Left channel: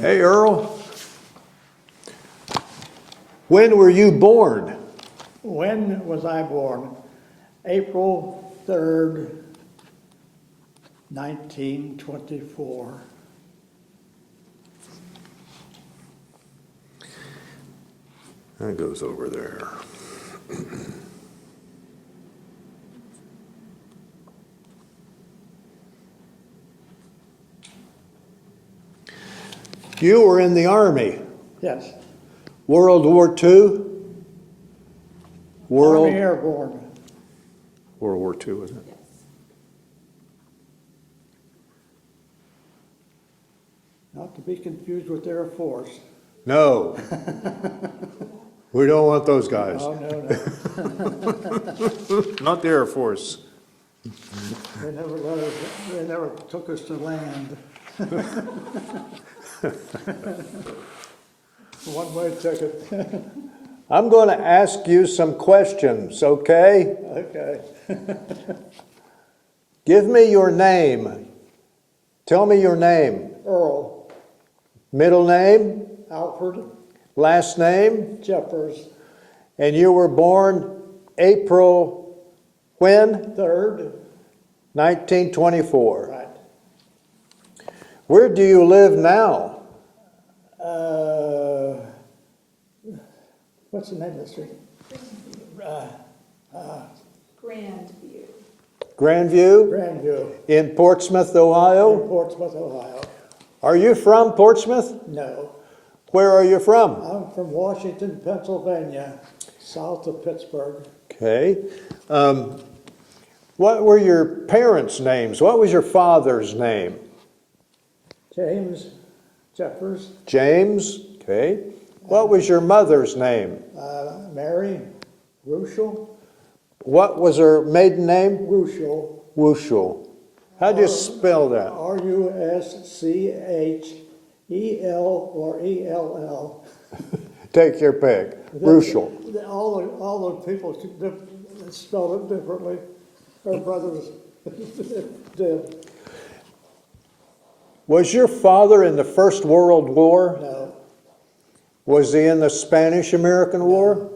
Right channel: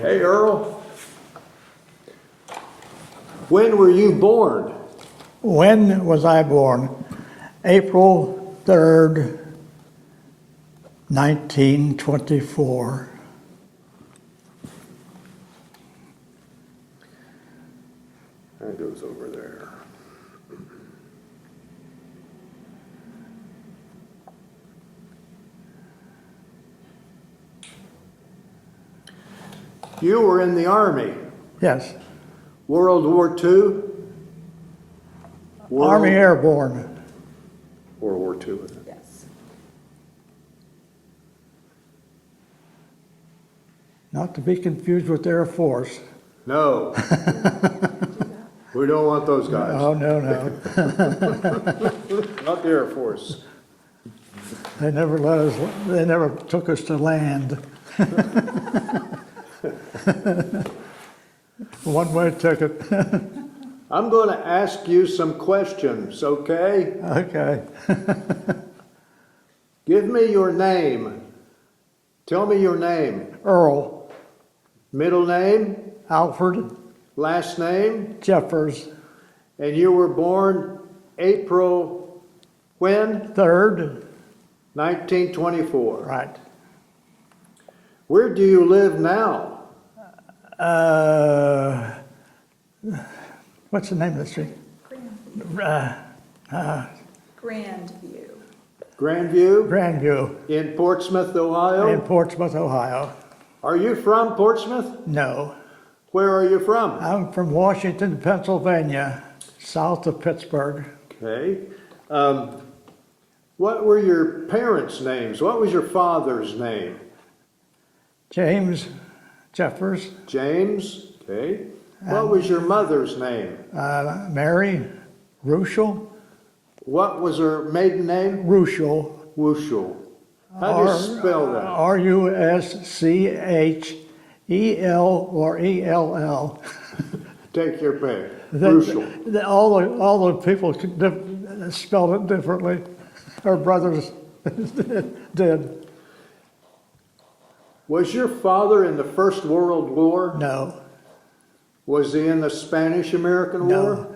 Hey, Earl. When were you born? When was I born? April 3rd, 1924. That goes over there. You were in the Army. Yes. World War II? Army Airborne. World War II, was it? Yes. Not to be confused with Air Force. No. We don't want those guys. Oh, no, no. Not the Air Force. They never let us, they never took us to land. One way ticket. I'm going to ask you some questions, okay? Okay. Give me your name. Tell me your name. Earl. Middle name, Alfred last name, Jeffers. and you were born April when? 3rd. 1924. Right. Where do you live now? What's the name of the street? Grandview. Grandview Grandview in Portsmouth, Ohio. in Portsmouth, Ohio. Are you from Portsmouth? No. Where are you from? I'm from Washington, Pennsylvania, south of Pittsburgh. Okay. What were your parents' names? What was your father's name? James Jeffers, James. Okay. What was your mother's name? Mary Ruschel, What was her maiden name? Ruschel, Wuschel. How do you spell that? Ruschel or ELL. Take your pick. Wuschel. All the people spelled it differently. Her brothers did. Was your father in the First World War? No. Was he in the Spanish-American No. War?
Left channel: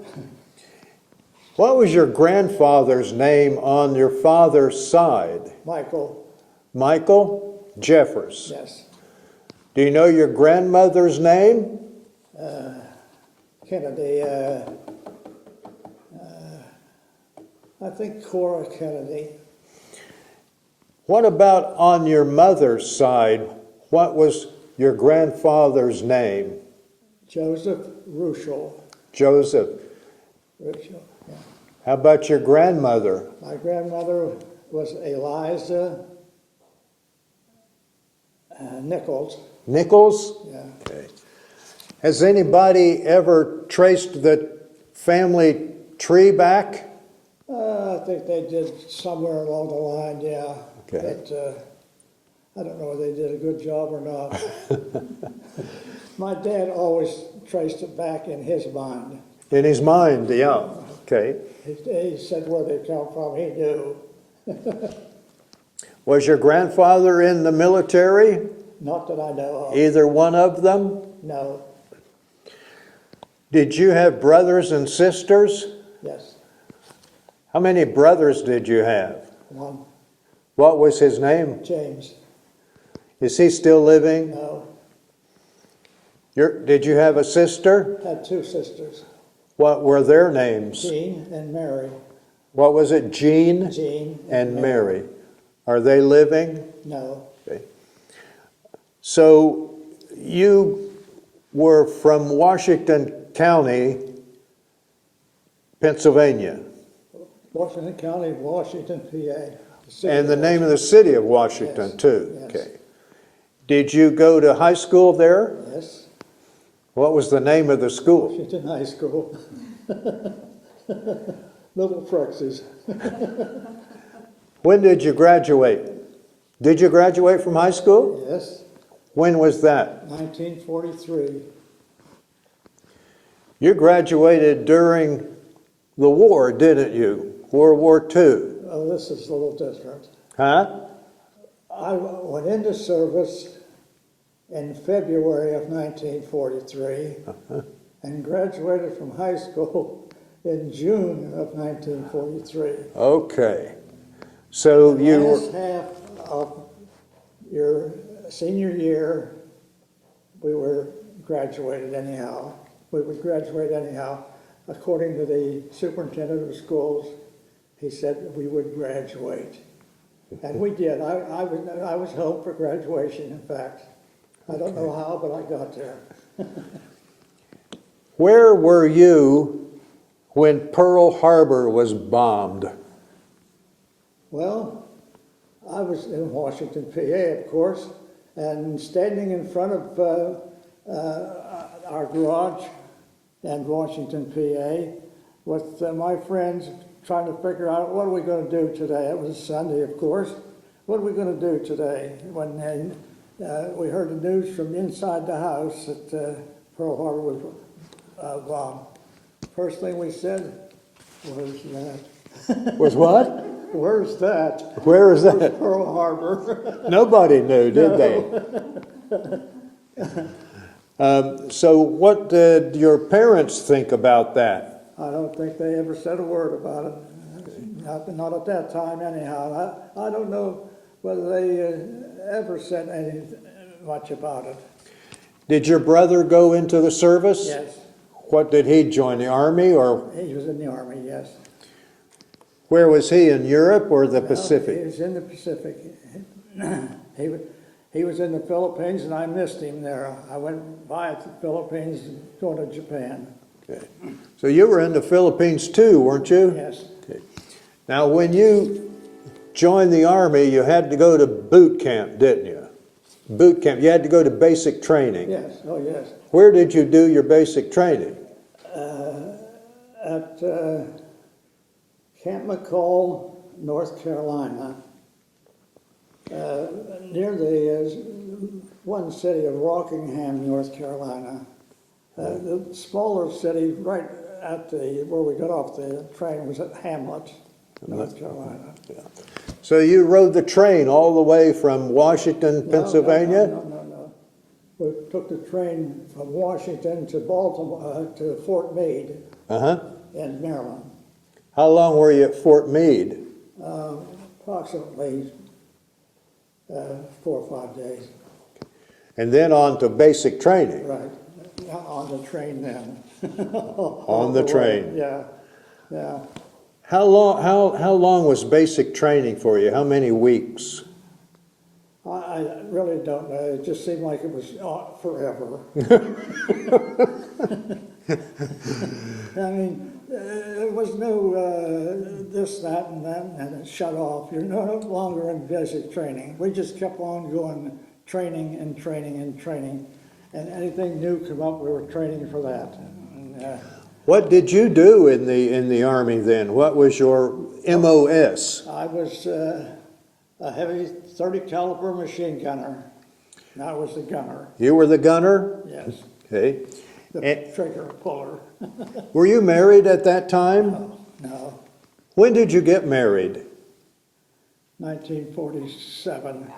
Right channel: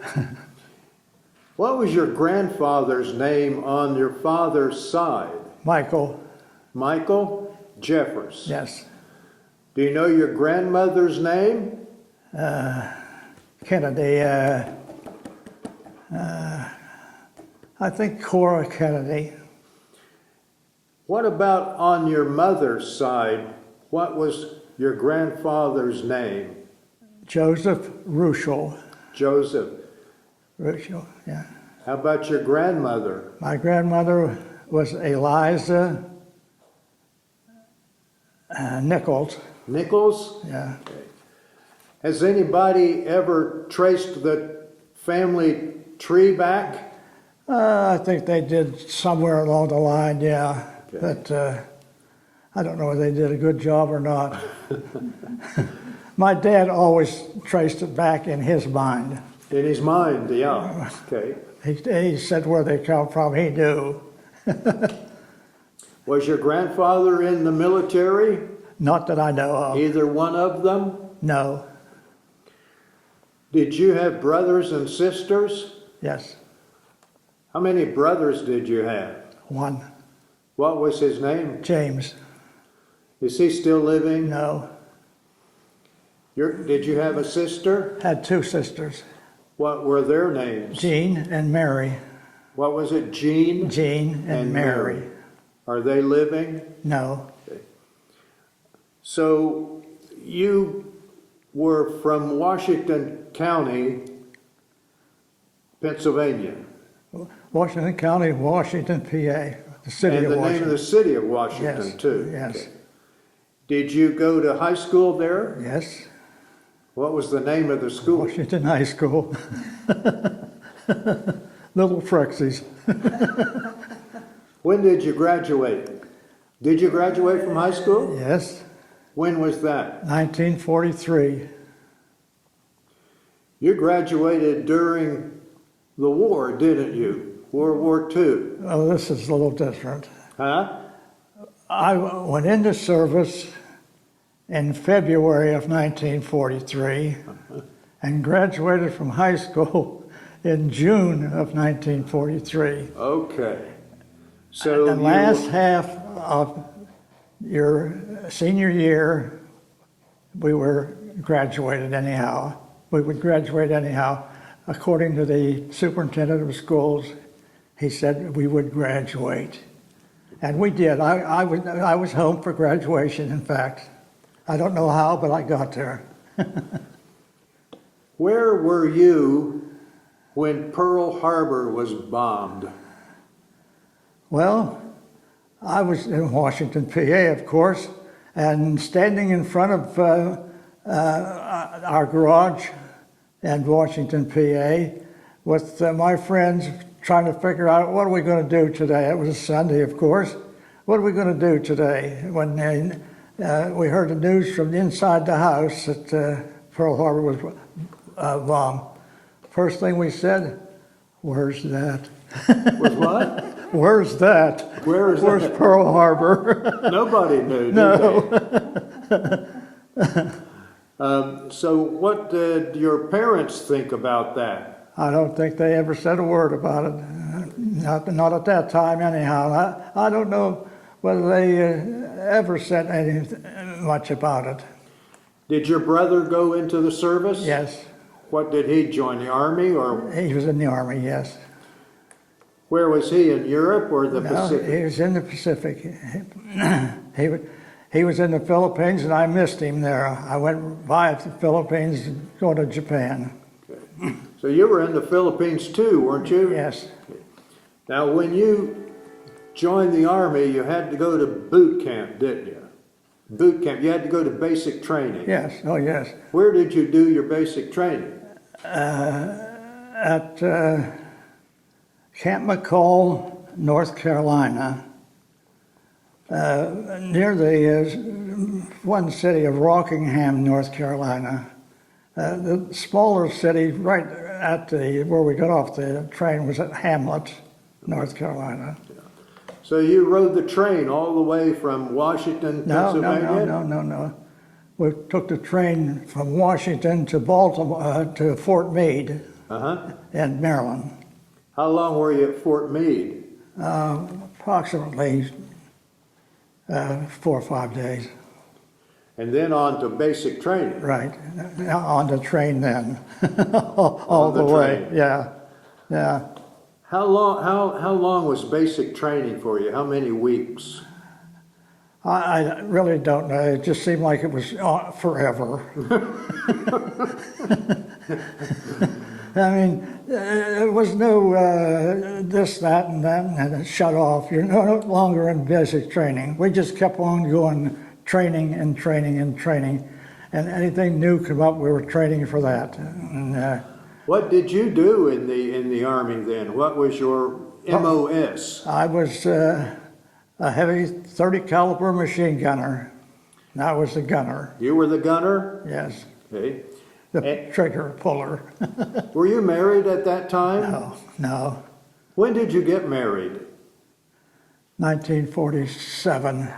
What was your grandfather's name on your father's side? Michael, Michael Jeffers. yes. Do you know your grandmother's name? Kennedy, I think Cora Kennedy. What about on your mother's side? What was your grandfather's name? Joseph Ruschel. Joseph. Ruschel, yeah. How about your grandmother? My grandmother was Eliza Nichols. Nichols? Yeah. Has anybody ever traced the family tree back? I think they did somewhere along the line, yeah. Okay. But I don't know whether they did a good job or not. My dad always traced it back in his mind. In his mind, yeah. Okay. He said where they come from, he knew. Was your grandfather in the military? Not that I know of. Either one of them? No, Did you have brothers and sisters? yes, How many brothers did you have? one. What was his name? James, Is he still living? no. Did you have a sister? Had two sisters, What were their names? Jean and Mary. What was it? Jean Jean and Mary. Are they living? No, Okay. So you were from Washington County, Pennsylvania, Washington County, Washington, PA. The city and of the name Washington. of the city of Washington Yes, too. yes. Okay. Did you go to high school there? Yes, What was the name of the school? Washington High School. Little Frexies. When did you graduate? Did you graduate from high school? Yes, When was that? 1943. You graduated during the war, didn't you? World War II. Oh, this is a little different. Huh? I went into service in February of 1943 and graduated from high school in June of 1943. Okay. So The you last half of your senior year, we were graduated anyhow. We would graduate anyhow. According to the superintendent of schools, he said we would graduate. And we did. I was home for graduation, in fact. I don't know how, but I got there. Where were you when Pearl Harbor was bombed? Well, I was in Washington, PA, of course, and standing in front of our garage in Washington, PA, with my friends trying to figure out what are we going to do today. It was Sunday, of course. What are we going to do today? When we heard the news from inside the house that Pearl Harbor was bombed. First thing we said, "Where's that?" Was what? Where's that? Where's Pearl Harbor? Nobody knew, did No. they? So what did your parents think about that? I don't think they ever said a word about it. Not at that time, anyhow. I don't know whether they ever said anything much about it. Did your brother go into the service? Yes, What did he join, the army or he was in the Army, yes. where was he, in Europe or the No, Pacific? he was in the Pacific. He was in the Philippines, and I missed him there. I went by the Philippines going to Japan. Okay. So you were in the Philippines too, weren't you? Yes, Now, when you joined the Army, you had to go to boot camp, didn't you? Boot camp. You had to go to basic training. yes, oh yes. Where did you do your basic training? At Camp McCall, North Carolina, near the one city of Rockingham, North Carolina. The smaller city right at where we got off the train was at Hamlet, North Carolina. So you rode the train all the way from Washington, Pennsylvania? No. We took the train from Washington to Baltimore, to Fort Meade in Maryland. How long were you at Fort Meade? Approximately 4 or 5 days. And then on to basic training? Right, on the train then. On the way. train? Yeah. How long was basic training for you? How many weeks? I really don't know. It just seemed like it was forever. I mean, there was no this, that, and that, and shut off. You're no longer in basic training. We just kept on going, training and training and training. And anything new come up, we were training for that. And, What did you do in the Army then? What was your MOS? I was a heavy 30 caliber machine gunner. I was the gunner, You were the gunner? yes. Okay. The trigger puller. Were you married at that time? No. When did you get married? 1947.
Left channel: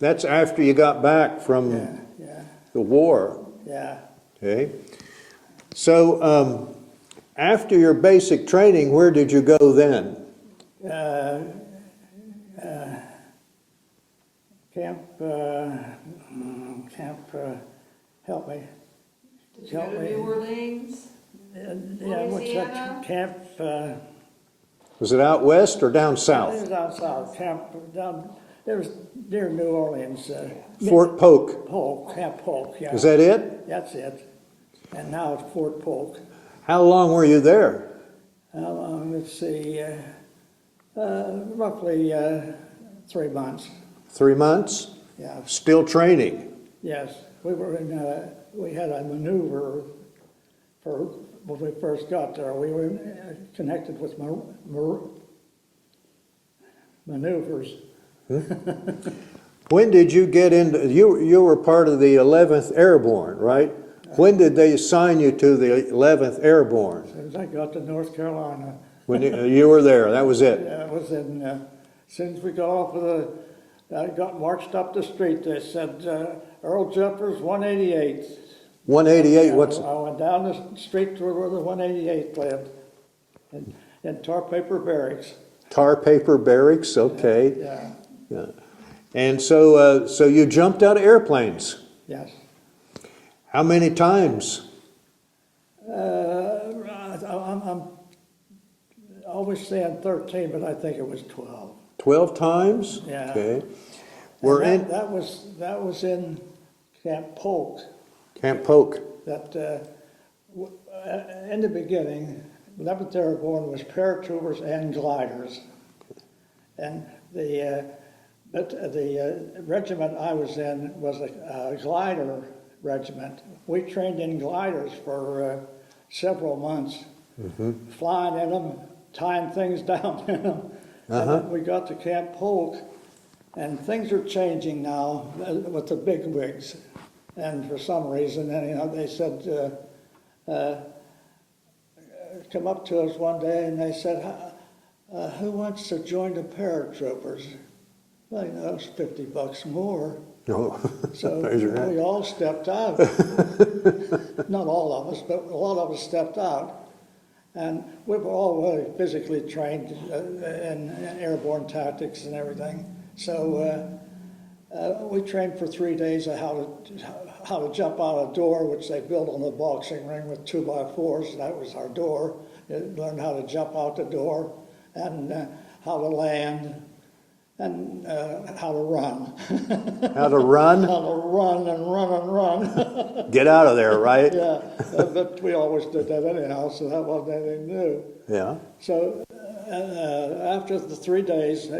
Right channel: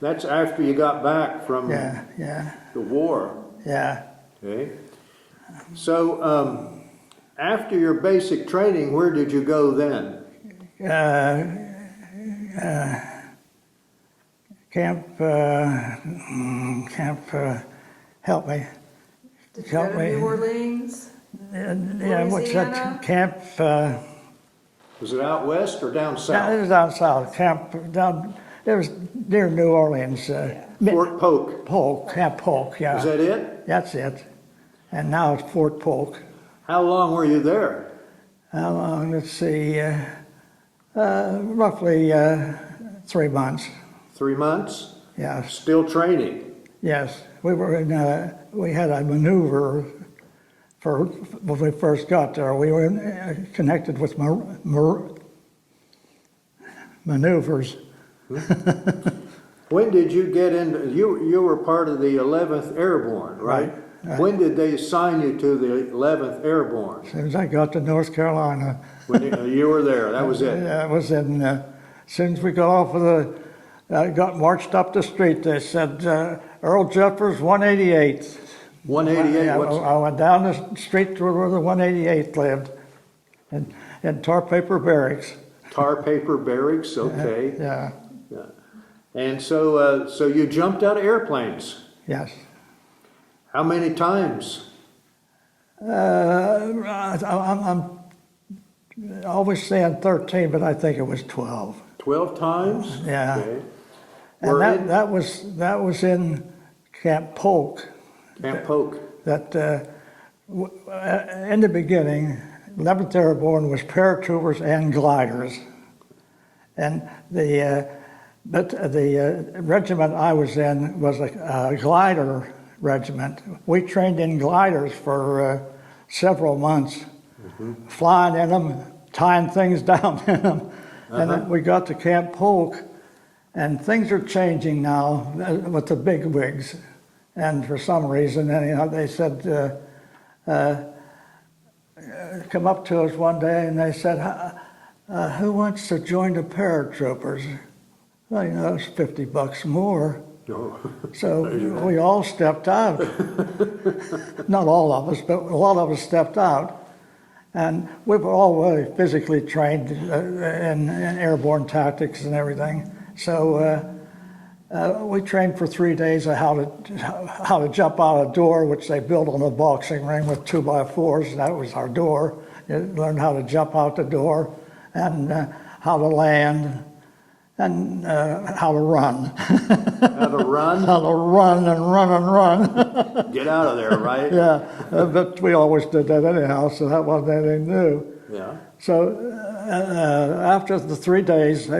That's after you got back from Yeah. the war. Yeah. Okay. So after your basic training, where did you go then? Camp, help me. Did you go to New Orleans? Yeah, what's that? Louisiana? Camp, Was it out west or down it south? was down south. Camp, down, it was near New Orleans. Fort Polk. Polk, Camp Polk, yeah. Is that it? That's it. And now it's Fort Polk. How long were you there? How long? Let's see. Roughly 3 months. 3 months? Yeah. Still training? Yes. We were in. We had a maneuver for when we first got there. We were connected with maneuvers. When did you get into, you were part of the 11th Airborne, right? When did they assign you to the 11th Airborne? As soon as I got to North Carolina. When you were there, that was it? Yeah, it was in. As soon as we got off of got marched up the street, they said, Earl Jeffers, 188th. 188, Yeah, what's, I went down the street to where the 188th lived, in tar paper barracks. tar paper barracks, okay. Yeah, Yeah. And so, so you jumped out of airplanes. yes. How many times? I'm always saying 13, but I think it was 12. 12 times? Yeah. Okay. And We're that, in that was in Camp Polk. Camp Polk. That in the beginning, 11th Airborne was paratroopers and gliders, and the regiment I was in was a glider regiment. We trained in gliders for several months, flying in them, tying things down in them, and then we got to Camp Polk, and things are changing now with the big wigs. And for some reason, anyhow, they said, come up to us one day and they said, who wants to join the paratroopers? Well, it's $50 more. Oh. So Measure that. we all stepped out. Not all of us, but a lot of us stepped out. And we were all really physically trained in airborne tactics and everything. So we trained for 3 days of how to jump out a door, which they built on a boxing ring with 2x4s, and that was our door. You learned how to jump out the door, and how to land, and how to run. How to run? How to run and run and run. Get out of there, right? Yeah, but we always did that anyhow, so that wasn't anything new. Yeah. So after the 3 days,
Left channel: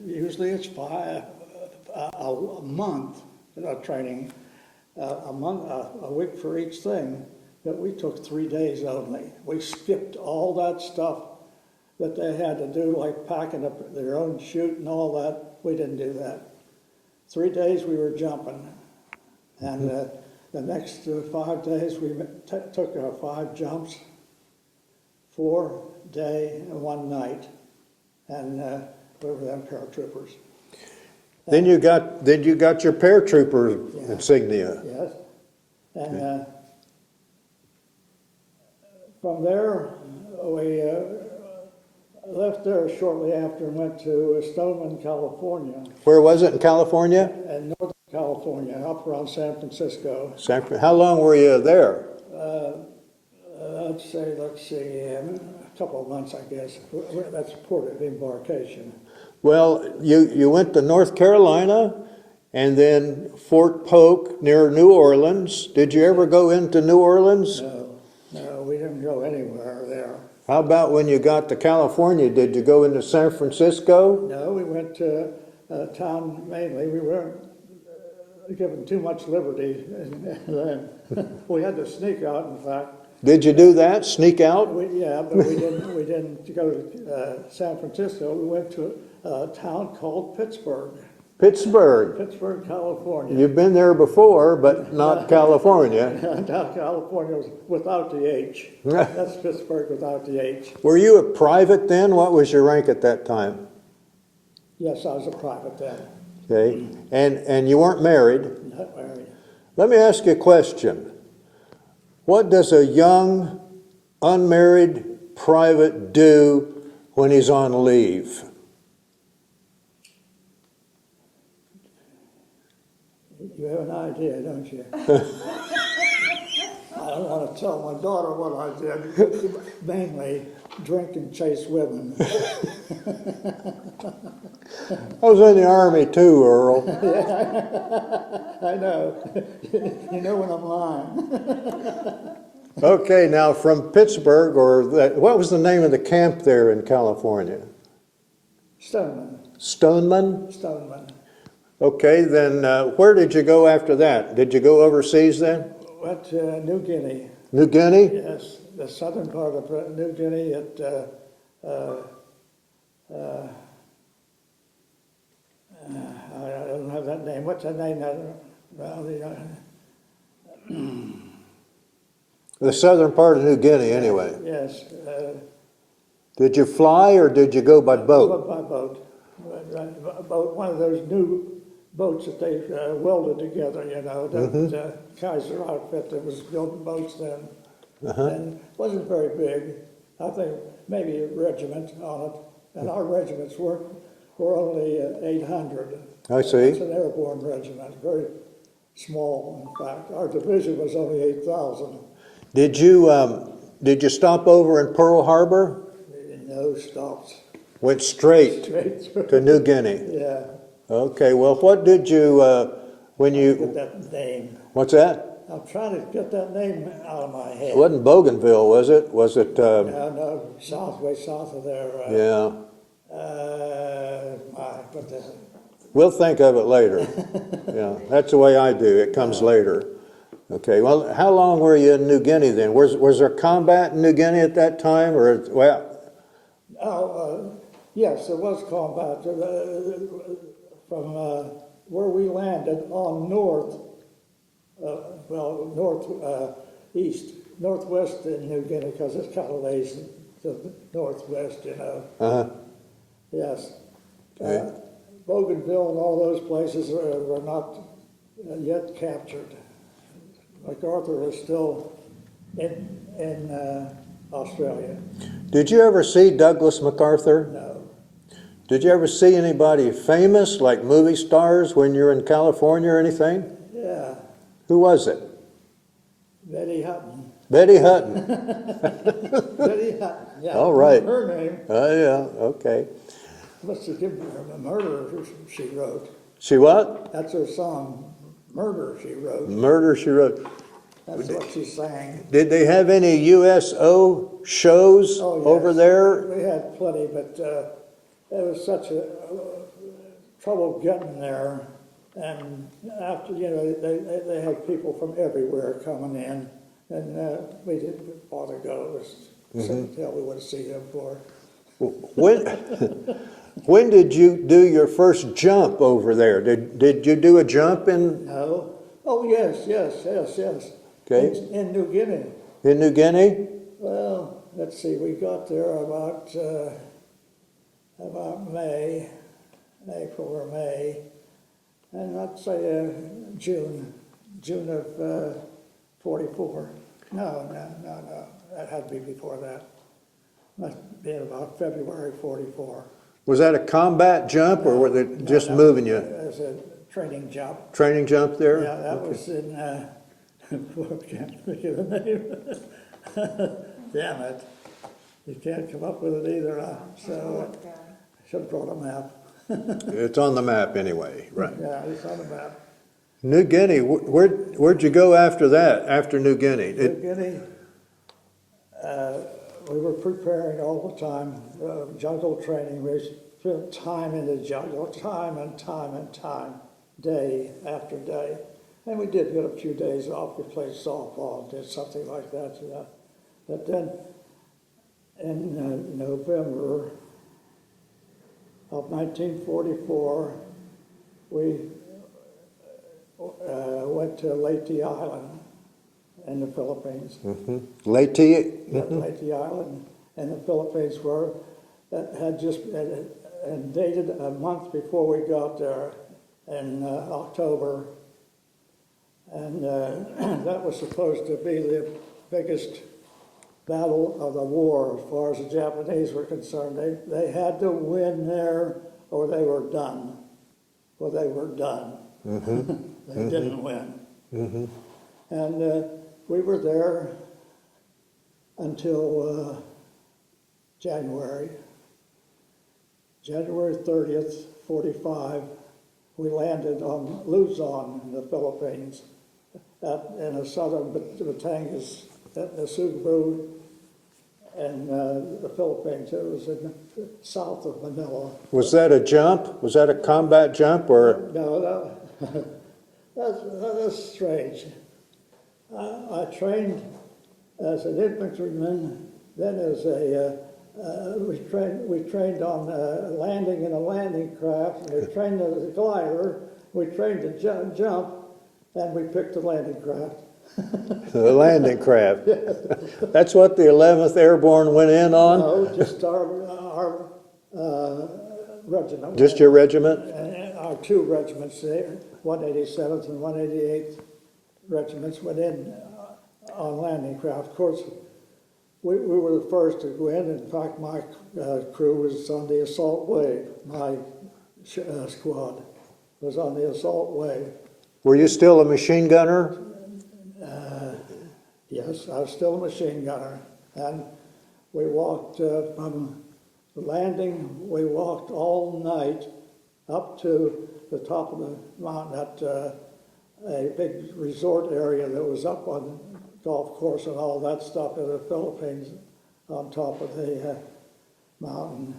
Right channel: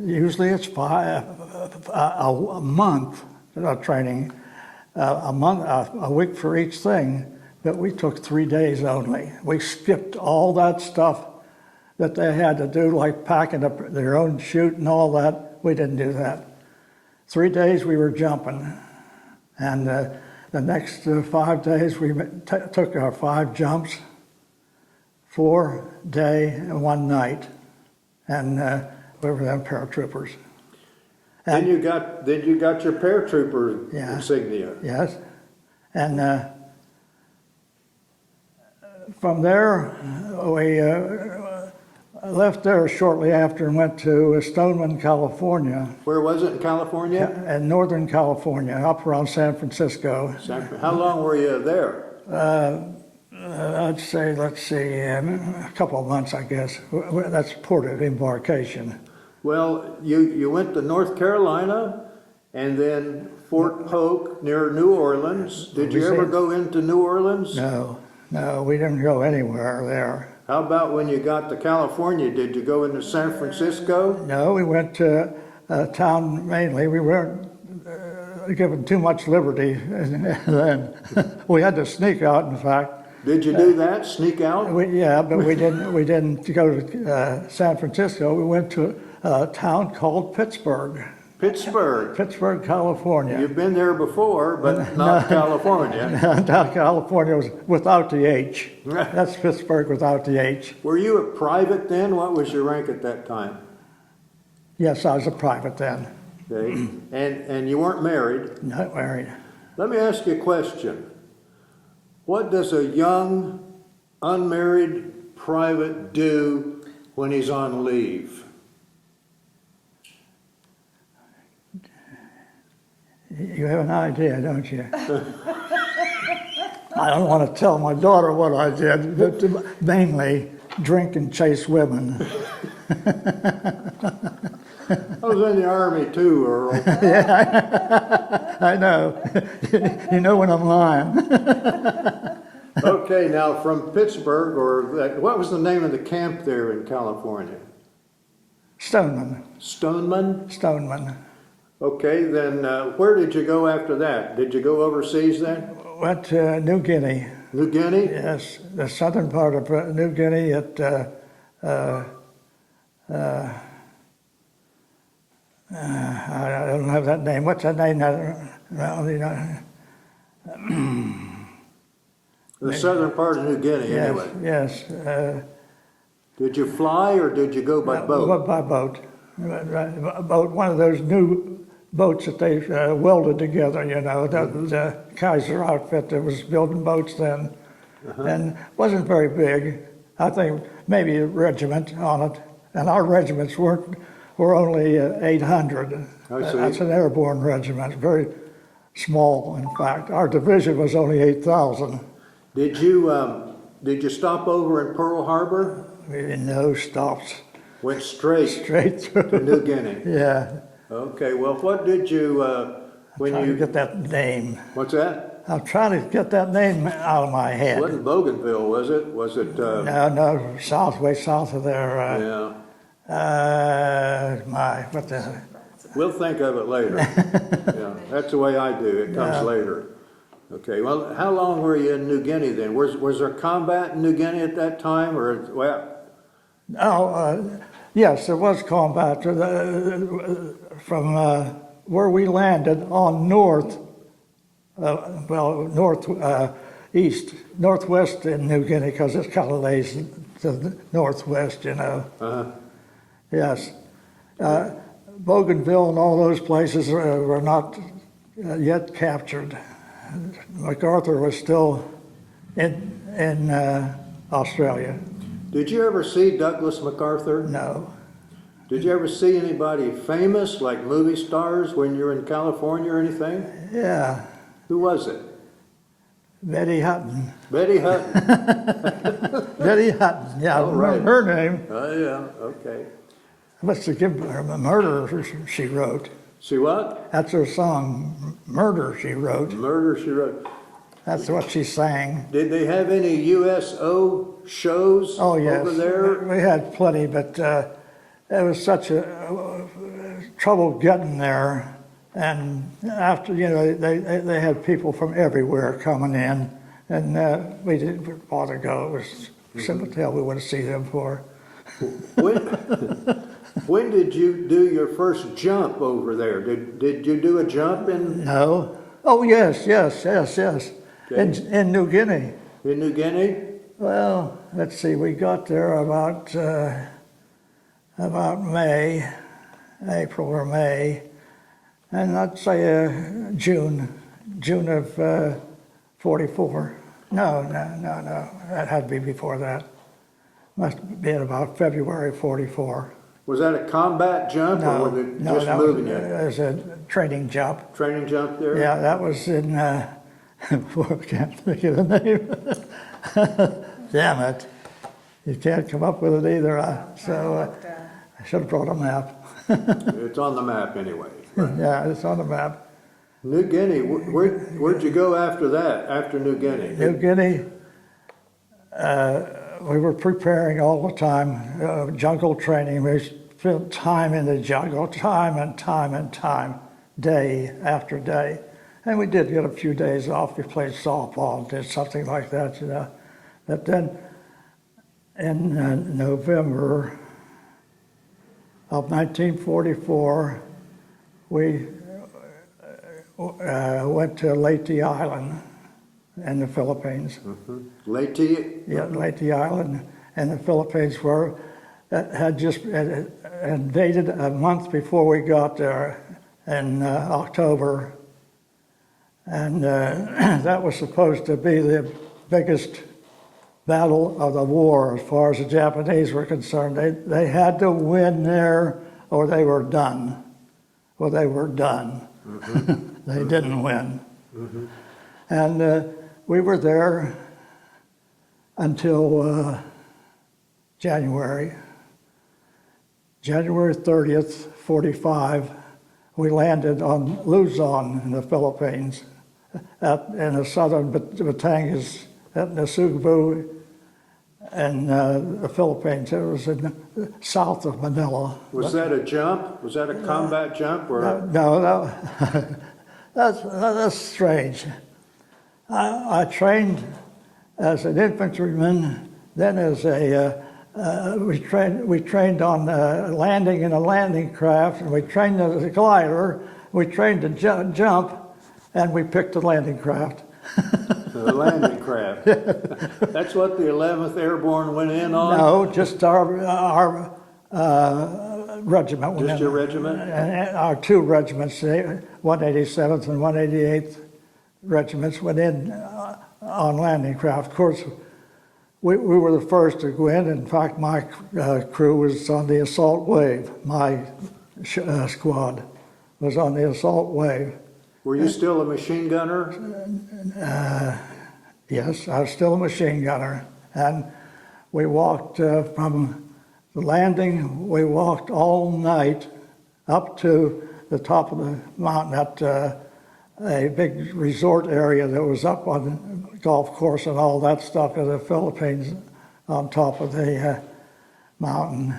usually it's a month of training, a week for each thing, but we took 3 days only. We skipped all that stuff that they had to do, like packing up their own chute and all that. We didn't do that. 3 days we were jumping, and the next 5 days we took our 5 jumps, 4 day and 1 night, and we were then paratroopers. Then you got your paratrooper Yeah. insignia. Yes, and from there we left there shortly after and went to Stoneman, California, Where was it in California? in Northern California, up around San Francisco. How long were you there? I'd say, let's see, a couple of months, I guess. That's port of embarkation. Well, you went to North Carolina and then Fort Polk near New Orleans. Did you ever go into New Orleans? No, we didn't go anywhere there. How about when you got to California? Did you go into San Francisco? No, we went to town mainly. We weren't given too much liberty then. We had to sneak out, in fact. Did you do that? Sneak out? Yeah, but we didn't go to San Francisco. We went to a town called Pittsburgh, Pittsburgh. California. You've been there before, but not California. Down California was without the H. Right. That's Pittsburgh without the H. Were you a private then? What was your rank at that time? Yes, I was a private then, Okay. And you weren't married. not married. Let me ask you a question. What does a young, unmarried private do when he's on leave? You have an idea, don't you? I don't want to tell my daughter what I did, but mainly drink and chase women. I was in the Army too, Earl. I know. You know when I'm lying. Okay, now from Pittsburgh, what was the name of the camp there in California? Stoneman. Stoneman? Okay, then where did you go after that? Did you go overseas then? Went to New Guinea. New Guinea? Yes, the southern part of New Guinea at I don't have that name. What's that name? Well, you know, The southern part of New Guinea, yes, anyway. Yes. Did you fly or did you go by boat? By boat. Boat. One of those new boats that they welded together, you know, the Kaiser outfit that was building boats then. And wasn't very big. I think maybe a regiment on it. And our regiments were only 800. I see. That's an airborne regiment, very small, in fact. Our division was only 8,000. Did you stop over in Pearl Harbor? We had no stops. Went straight Straight through. to New Guinea. Yeah. Okay, well, what did you, when Trying to you, get that name. what's that? I'm trying to get that name out of my head. It wasn't Bougainville, was it? Was it, No, way south of there. yeah, What the? we'll think of it later. Yeah, that's the way I do, it comes later. Okay, well, how long were you in New Guinea then? Was there combat in New Guinea at that time, or, well? Yes, there was combat from where we landed on northwest in New Guinea, because it kind of lays to the northwest, you know. Yes. Bougainville and all those places were not yet captured. MacArthur was still in Australia. Did you ever see Douglas MacArthur? No. Did you ever see anybody famous, like movie stars, when you were in California or anything? Yeah. Who was it? Betty Hutton. Betty Hutton. Betty Hutton. Yeah. All right. Her name. Oh, yeah, okay. Must have given her a Murder, she wrote. She what? That's her song, Murder, she wrote. Murder, she wrote. That's what she sang. Did they have any USO shows over there? We had plenty, but it was such a trouble getting there. And after, you know, they had people from everywhere coming in, and we didn't bother go. It was simple tale we wouldn't see them for. When did you do your first jump over there? Did you do a jump in? No. Oh, yes. Okay. In New Guinea. In New Guinea? Well, let's see, we got there about April or May, and I'd say June of 44. No, that had to be before that. Must have been about February 44. Was that a combat jump, or was it No, just that moving was, you? It was a training jump. Training jump there? Yeah, that was in, I can't think of the name. Damn it. You can't come up with it either, I should have brought a map. It's on the map anyway. Right. Yeah, it's on the map. New Guinea, where'd you go after that, after New Guinea? New Guinea, we were preparing all the time, jungle training. We spent time in the jungle, time and time, day after day. And we did get a few days off. We played softball, did something like that, you know. But then in November of 1944, we went to Leyte Island in the Philippines. Leyte? Yeah, Leyte Island in the Philippines, where had just invaded a month before we got there in October. And that was supposed to be the biggest battle of the war as far as the Japanese were concerned. They had to win there or they were done. Well, they were done. They didn't win. And we were there until January 30th, 45. We landed on Luzon in the Philippines, in the southern Batangas, at Nasugbu, in the Philippines. It was in the south of Manila. Was that a jump? Was that a combat jump, or? No, that's strange. I trained as an infantryman, then as a we trained on landing in a landing craft, and we trained as a glider. We trained to jump, and we picked a landing craft. The landing craft. That's what the 11th Airborne went in on? No, just our regiment. Just your regiment? And our two regiments, the 187th and 188th regiments went in on landing craft. Of course, we were the first to go in. In fact, my crew was on the assault wave. My squad was on the assault wave. Were you still a machine gunner? Yes, I was still a machine gunner. And we walked from the landing, we walked all night up to the top of the mountain at a big resort area that was up on the golf course and all that stuff in the Philippines on top of the mountain.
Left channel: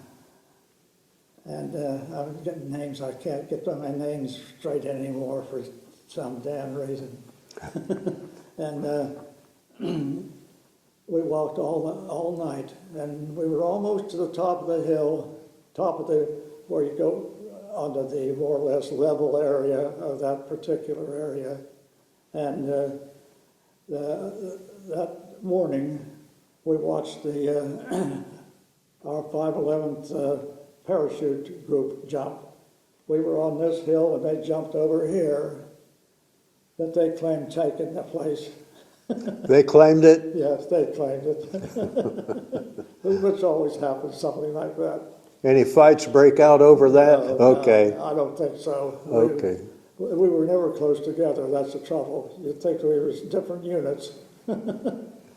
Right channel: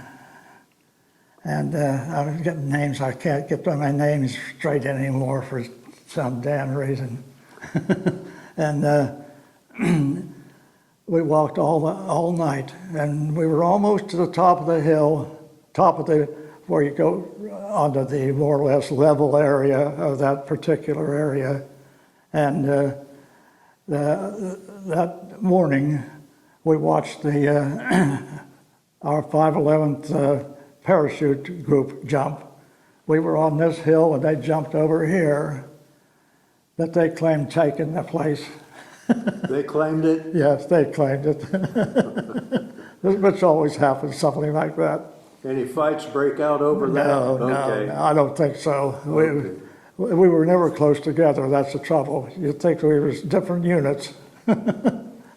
And I'm getting names, I can't get my names straight anymore for some damn reason. And we walked all night, and we were almost to the top of the hill, where you go onto the more or less level area of that particular area. And that morning, we watched our 511th parachute group jump. We were on this hill, and they jumped over here, but they claimed taking the place. They claimed it? Yes, they claimed it. Which always happens, something like that. Any fights break out over that? No, Okay. no, I don't think so. Okay. We were never close together, that's the trouble. You'd think we were different units.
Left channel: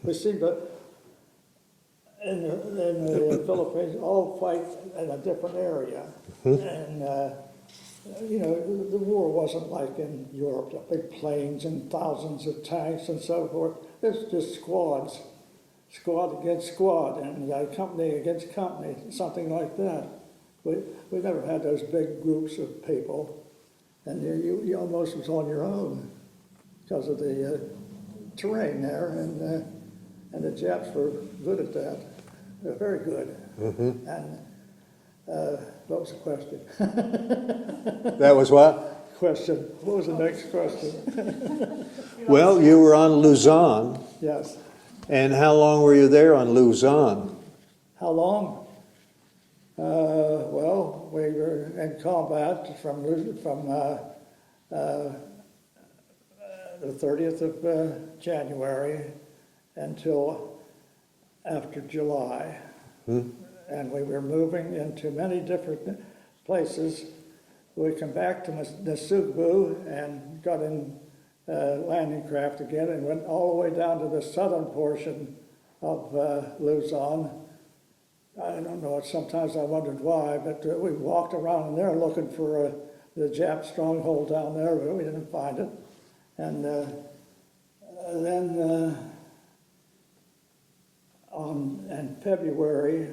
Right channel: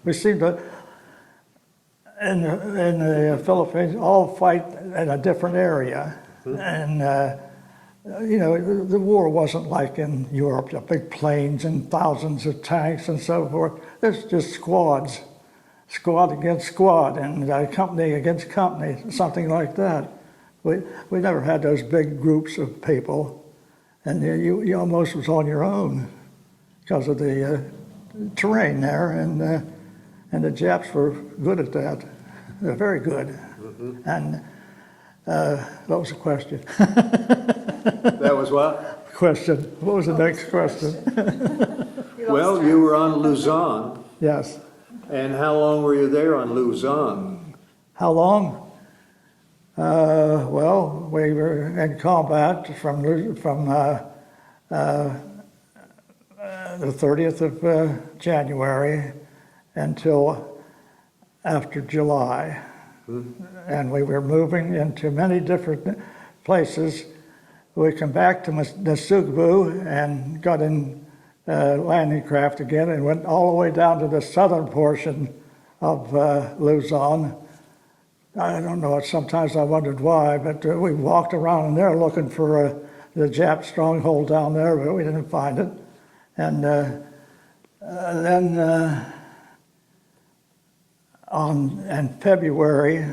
We seemed to, in the Philippines, all fight in a different area. And you know, the war wasn't like in Europe, the big planes and thousands of tanks and so forth. There's just squads, squad against squad, and company against company, something like that. We never had those big groups of people, and you almost was on your own because of the terrain there, and the Japs were good at that. They're very good. And what was the question? That was what? Question. What was the next question? Well, you were on Luzon, Yes. and how long were you there on Luzon? How long? Well, we were in combat from the 30th of January until after July. And we were moving into many different places. We come back to Nasugbu and got in landing craft again and went all the way down to the southern portion of Luzon. I don't know, sometimes I wondered why, but we walked around in there looking for the Jap stronghold down there, but we didn't find it. And then in February,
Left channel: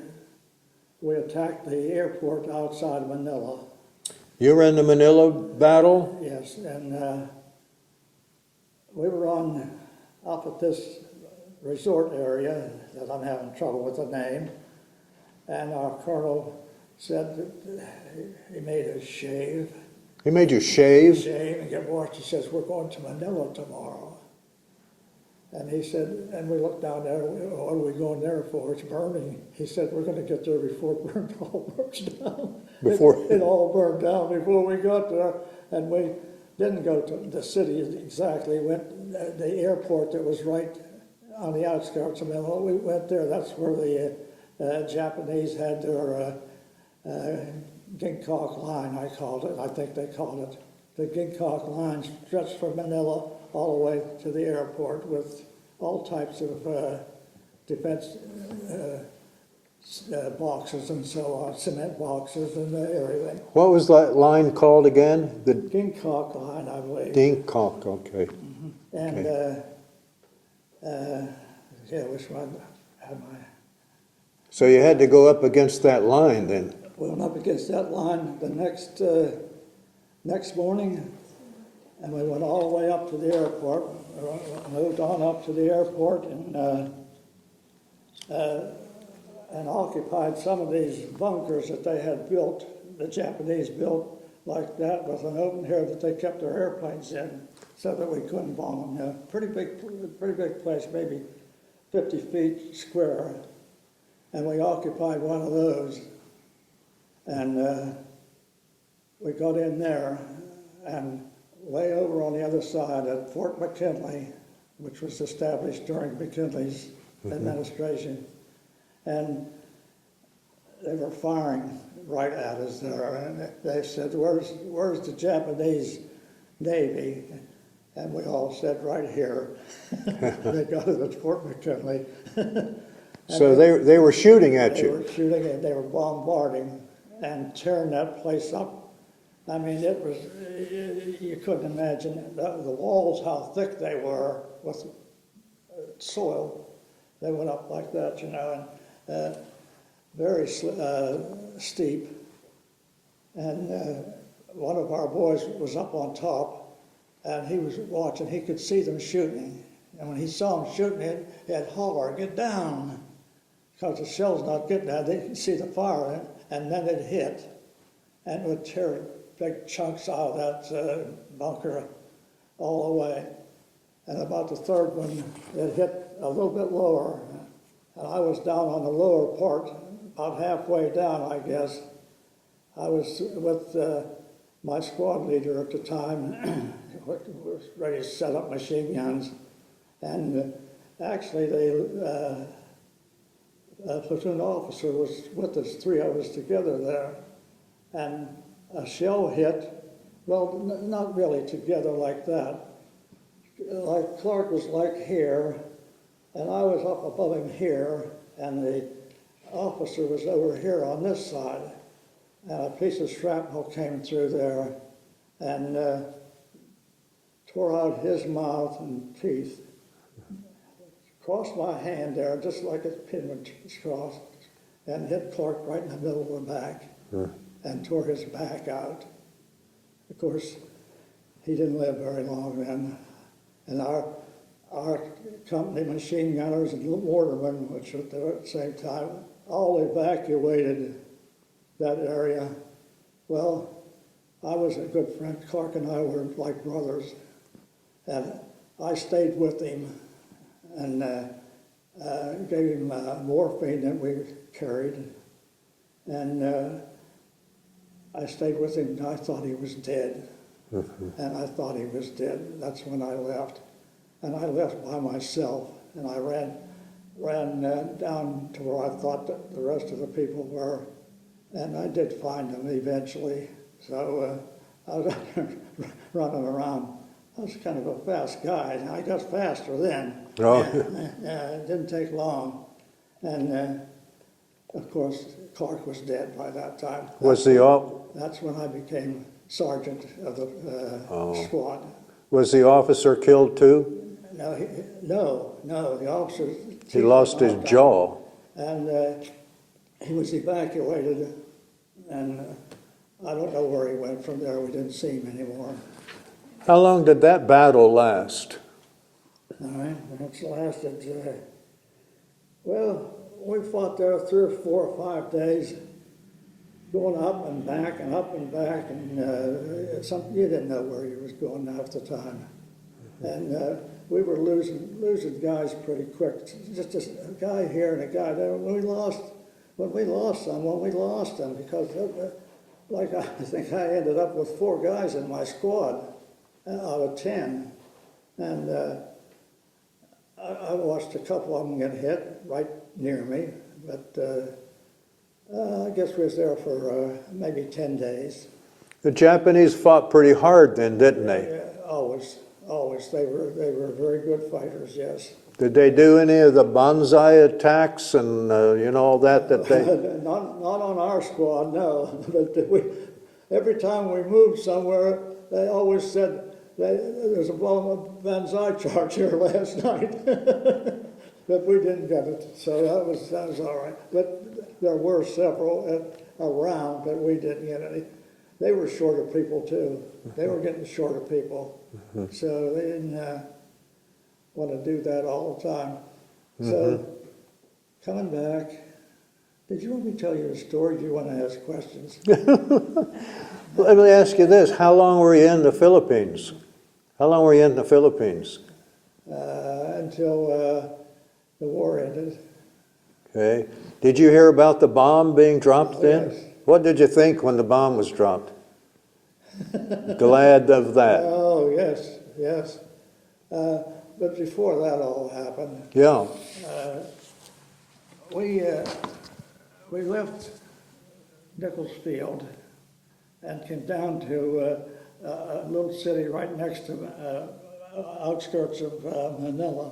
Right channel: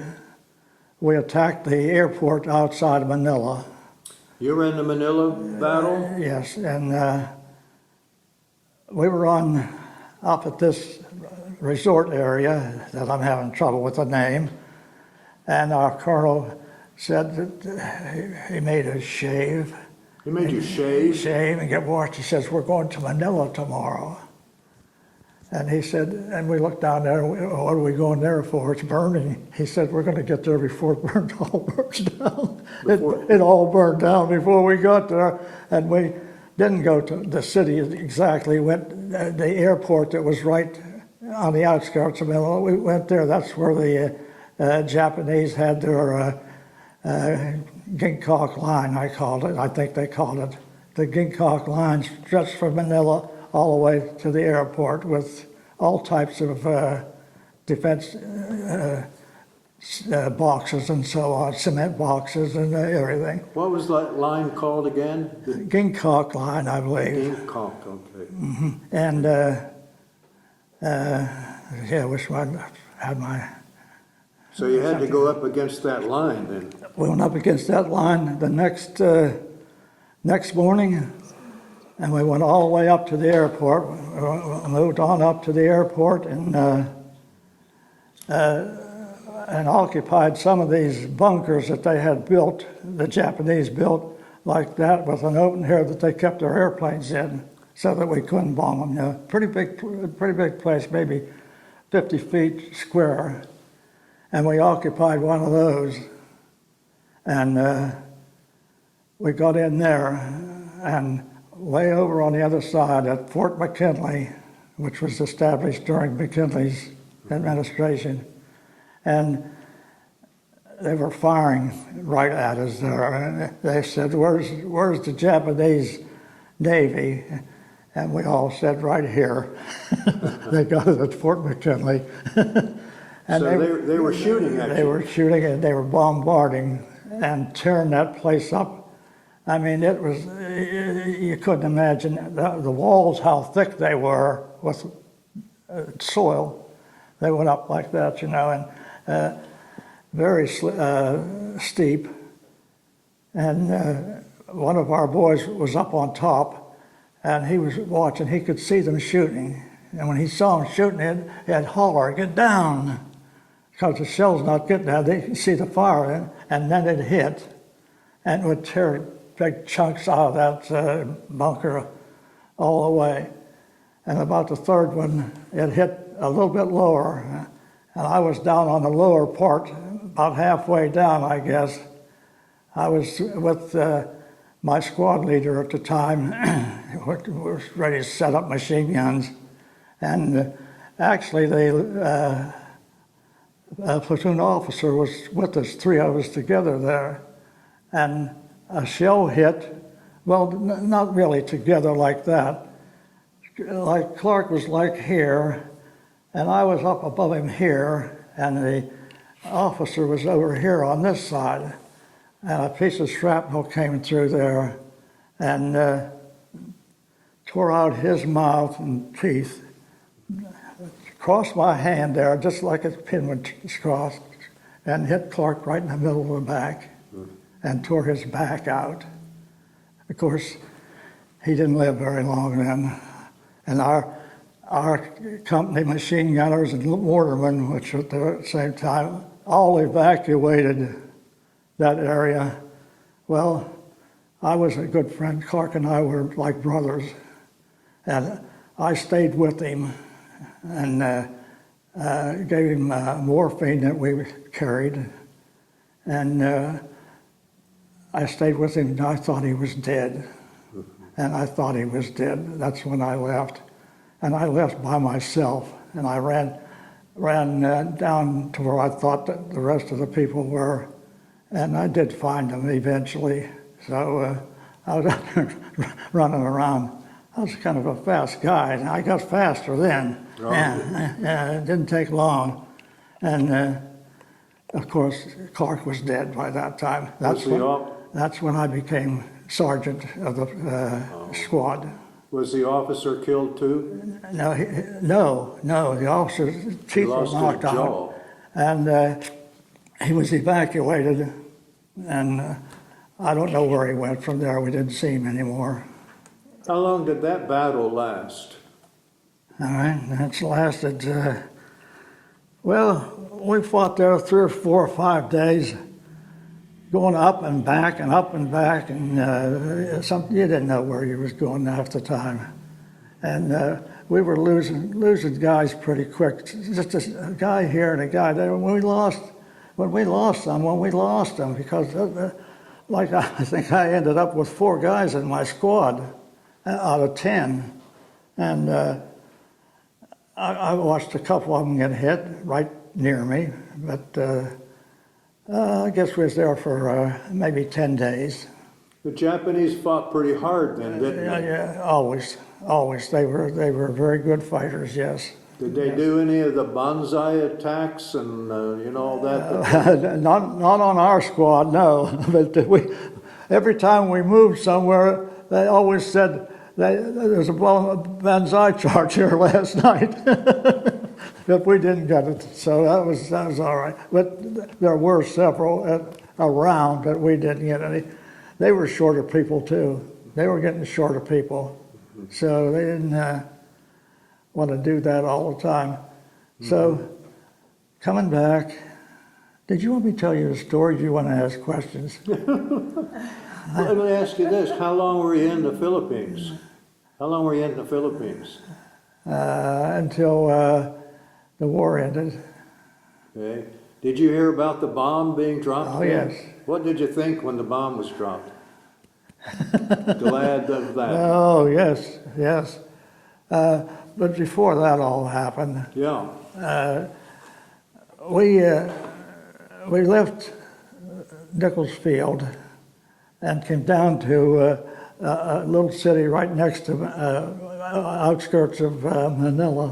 we attacked the airport outside of Manila. You were in the Manila battle? Yes, and we were up at this resort area that I'm having trouble with the name, and our colonel said that he made us shave. He made you shave? Shave and get washed. He says, we're going to Manila tomorrow. And he said, and we looked down there, what are we going there for? It's burning. He said, we're going to get there before it all burns down. It all burned down before we got there. And we didn't go to the city exactly. We went the airport that was right on the outskirts of Manila. We went there. That's where the Japanese had their Ginkok line, I called it. I think they called it. The Ginkok line stretched from Manila all the way to the airport with all types of defense boxes and so on, cement boxes and everything. What was that line called again? The Ginkok line, I believe. Ginkok, okay. And yeah, I wish I had my... So you had to go up against that line then? We went up against that line the next morning, and we went all the way up to the airport. We moved on up to the airport and occupied some of these bunkers that they had built, the Japanese built like that, with an open air that they kept their airplanes in, so that we couldn't bomb them. Yeah, pretty big place, maybe 50 feet square, and we occupied one of those. And we got in there, and way over on the other side at Fort McKinley, which was established during McKinley's administration, and they were firing right at us there. And they said, where's the Japanese Navy? And we all said, right here. They got it at Fort McKinley. So they were shooting at They you? were shooting and they were bombarding and tearing that place up. I mean, it was, you couldn't imagine the walls, how thick they were with soil. They went up like that, you know, and very steep. And one of our boys was up on top, and he was watching. He could see them shooting. And when he saw them shooting, he'd holler, get down, because the shell's not getting down. They could see the fire, and then it hit, and it would tear big chunks out of that bunker all the way. And about the third one, it hit a little bit lower, and I was down on the lower part, about halfway down, I guess. I was with my squad leader at the time. We were ready to set up machine guns. And actually, the platoon officer was with us, three of us together there. And a shell hit, well, not really together like that. Like Clark was like here, and I was up above him here, and the officer was over here on this side. And a piece of shrapnel came through there and tore out his mouth and teeth, crossed my hand there, just like a pin would cross, and hit Clark right in the middle of the back and tore his back out. Of course, he didn't live very long then. And our company machine gunners and watermen, which were there at the same time, all evacuated that area. Well, I was a good friend. Clark and I were like brothers. And I stayed with him and gave him morphine that we carried. And I stayed with him and I thought he was dead. And I thought he was dead. That's when I left. And I left by myself, and I ran down to where I thought that the rest of the people were. And I did find them eventually. So I was out there running around. I was kind of a fast guy. I got faster then. Oh. Yeah, it didn't take long. And of course, Clark was dead by that time. That's when I became sergeant of the squad. Was the officer killed too? No, the officer's teeth He lost were knocked his out. jaw. And he was evacuated, and I don't know where he went from there. We didn't see him anymore. How long did that battle last? All right, that's lasted, well, we fought there 3 or 4 or 5 days, going up and back and up and back, and you didn't know where you was going half the time. And we were losing guys pretty quick. Just a guy here and a guy there. When we lost them, because like I think I ended up with 4 guys in my squad out of 10. And I watched a couple of them get hit right near me, but I guess we was there for maybe 10 days. The Japanese fought pretty hard then, didn't they? Yeah, always. They were very good fighters, yes. Did they do any of the banzai attacks and all that? Not on our squad, no. But every time we moved somewhere, they always said, there's a banzai charge here last night. But we didn't get it, so that was all right. But there were several around, but we didn't get any. They were shorter people too. They were getting shorter people, so they didn't want to do that all the time. So coming back, did you want me to tell you a story? Do you want to ask questions? Let me ask you this: how long were you in the Philippines? Until the war ended. Okay. Did you hear about the bomb being dropped Oh, there? yes. What did you think when the bomb was dropped? Glad of that. Oh, yes, yes. But before that all happened, Yeah. we left Nichols Field and came down to a little city right next to outskirts of Manila,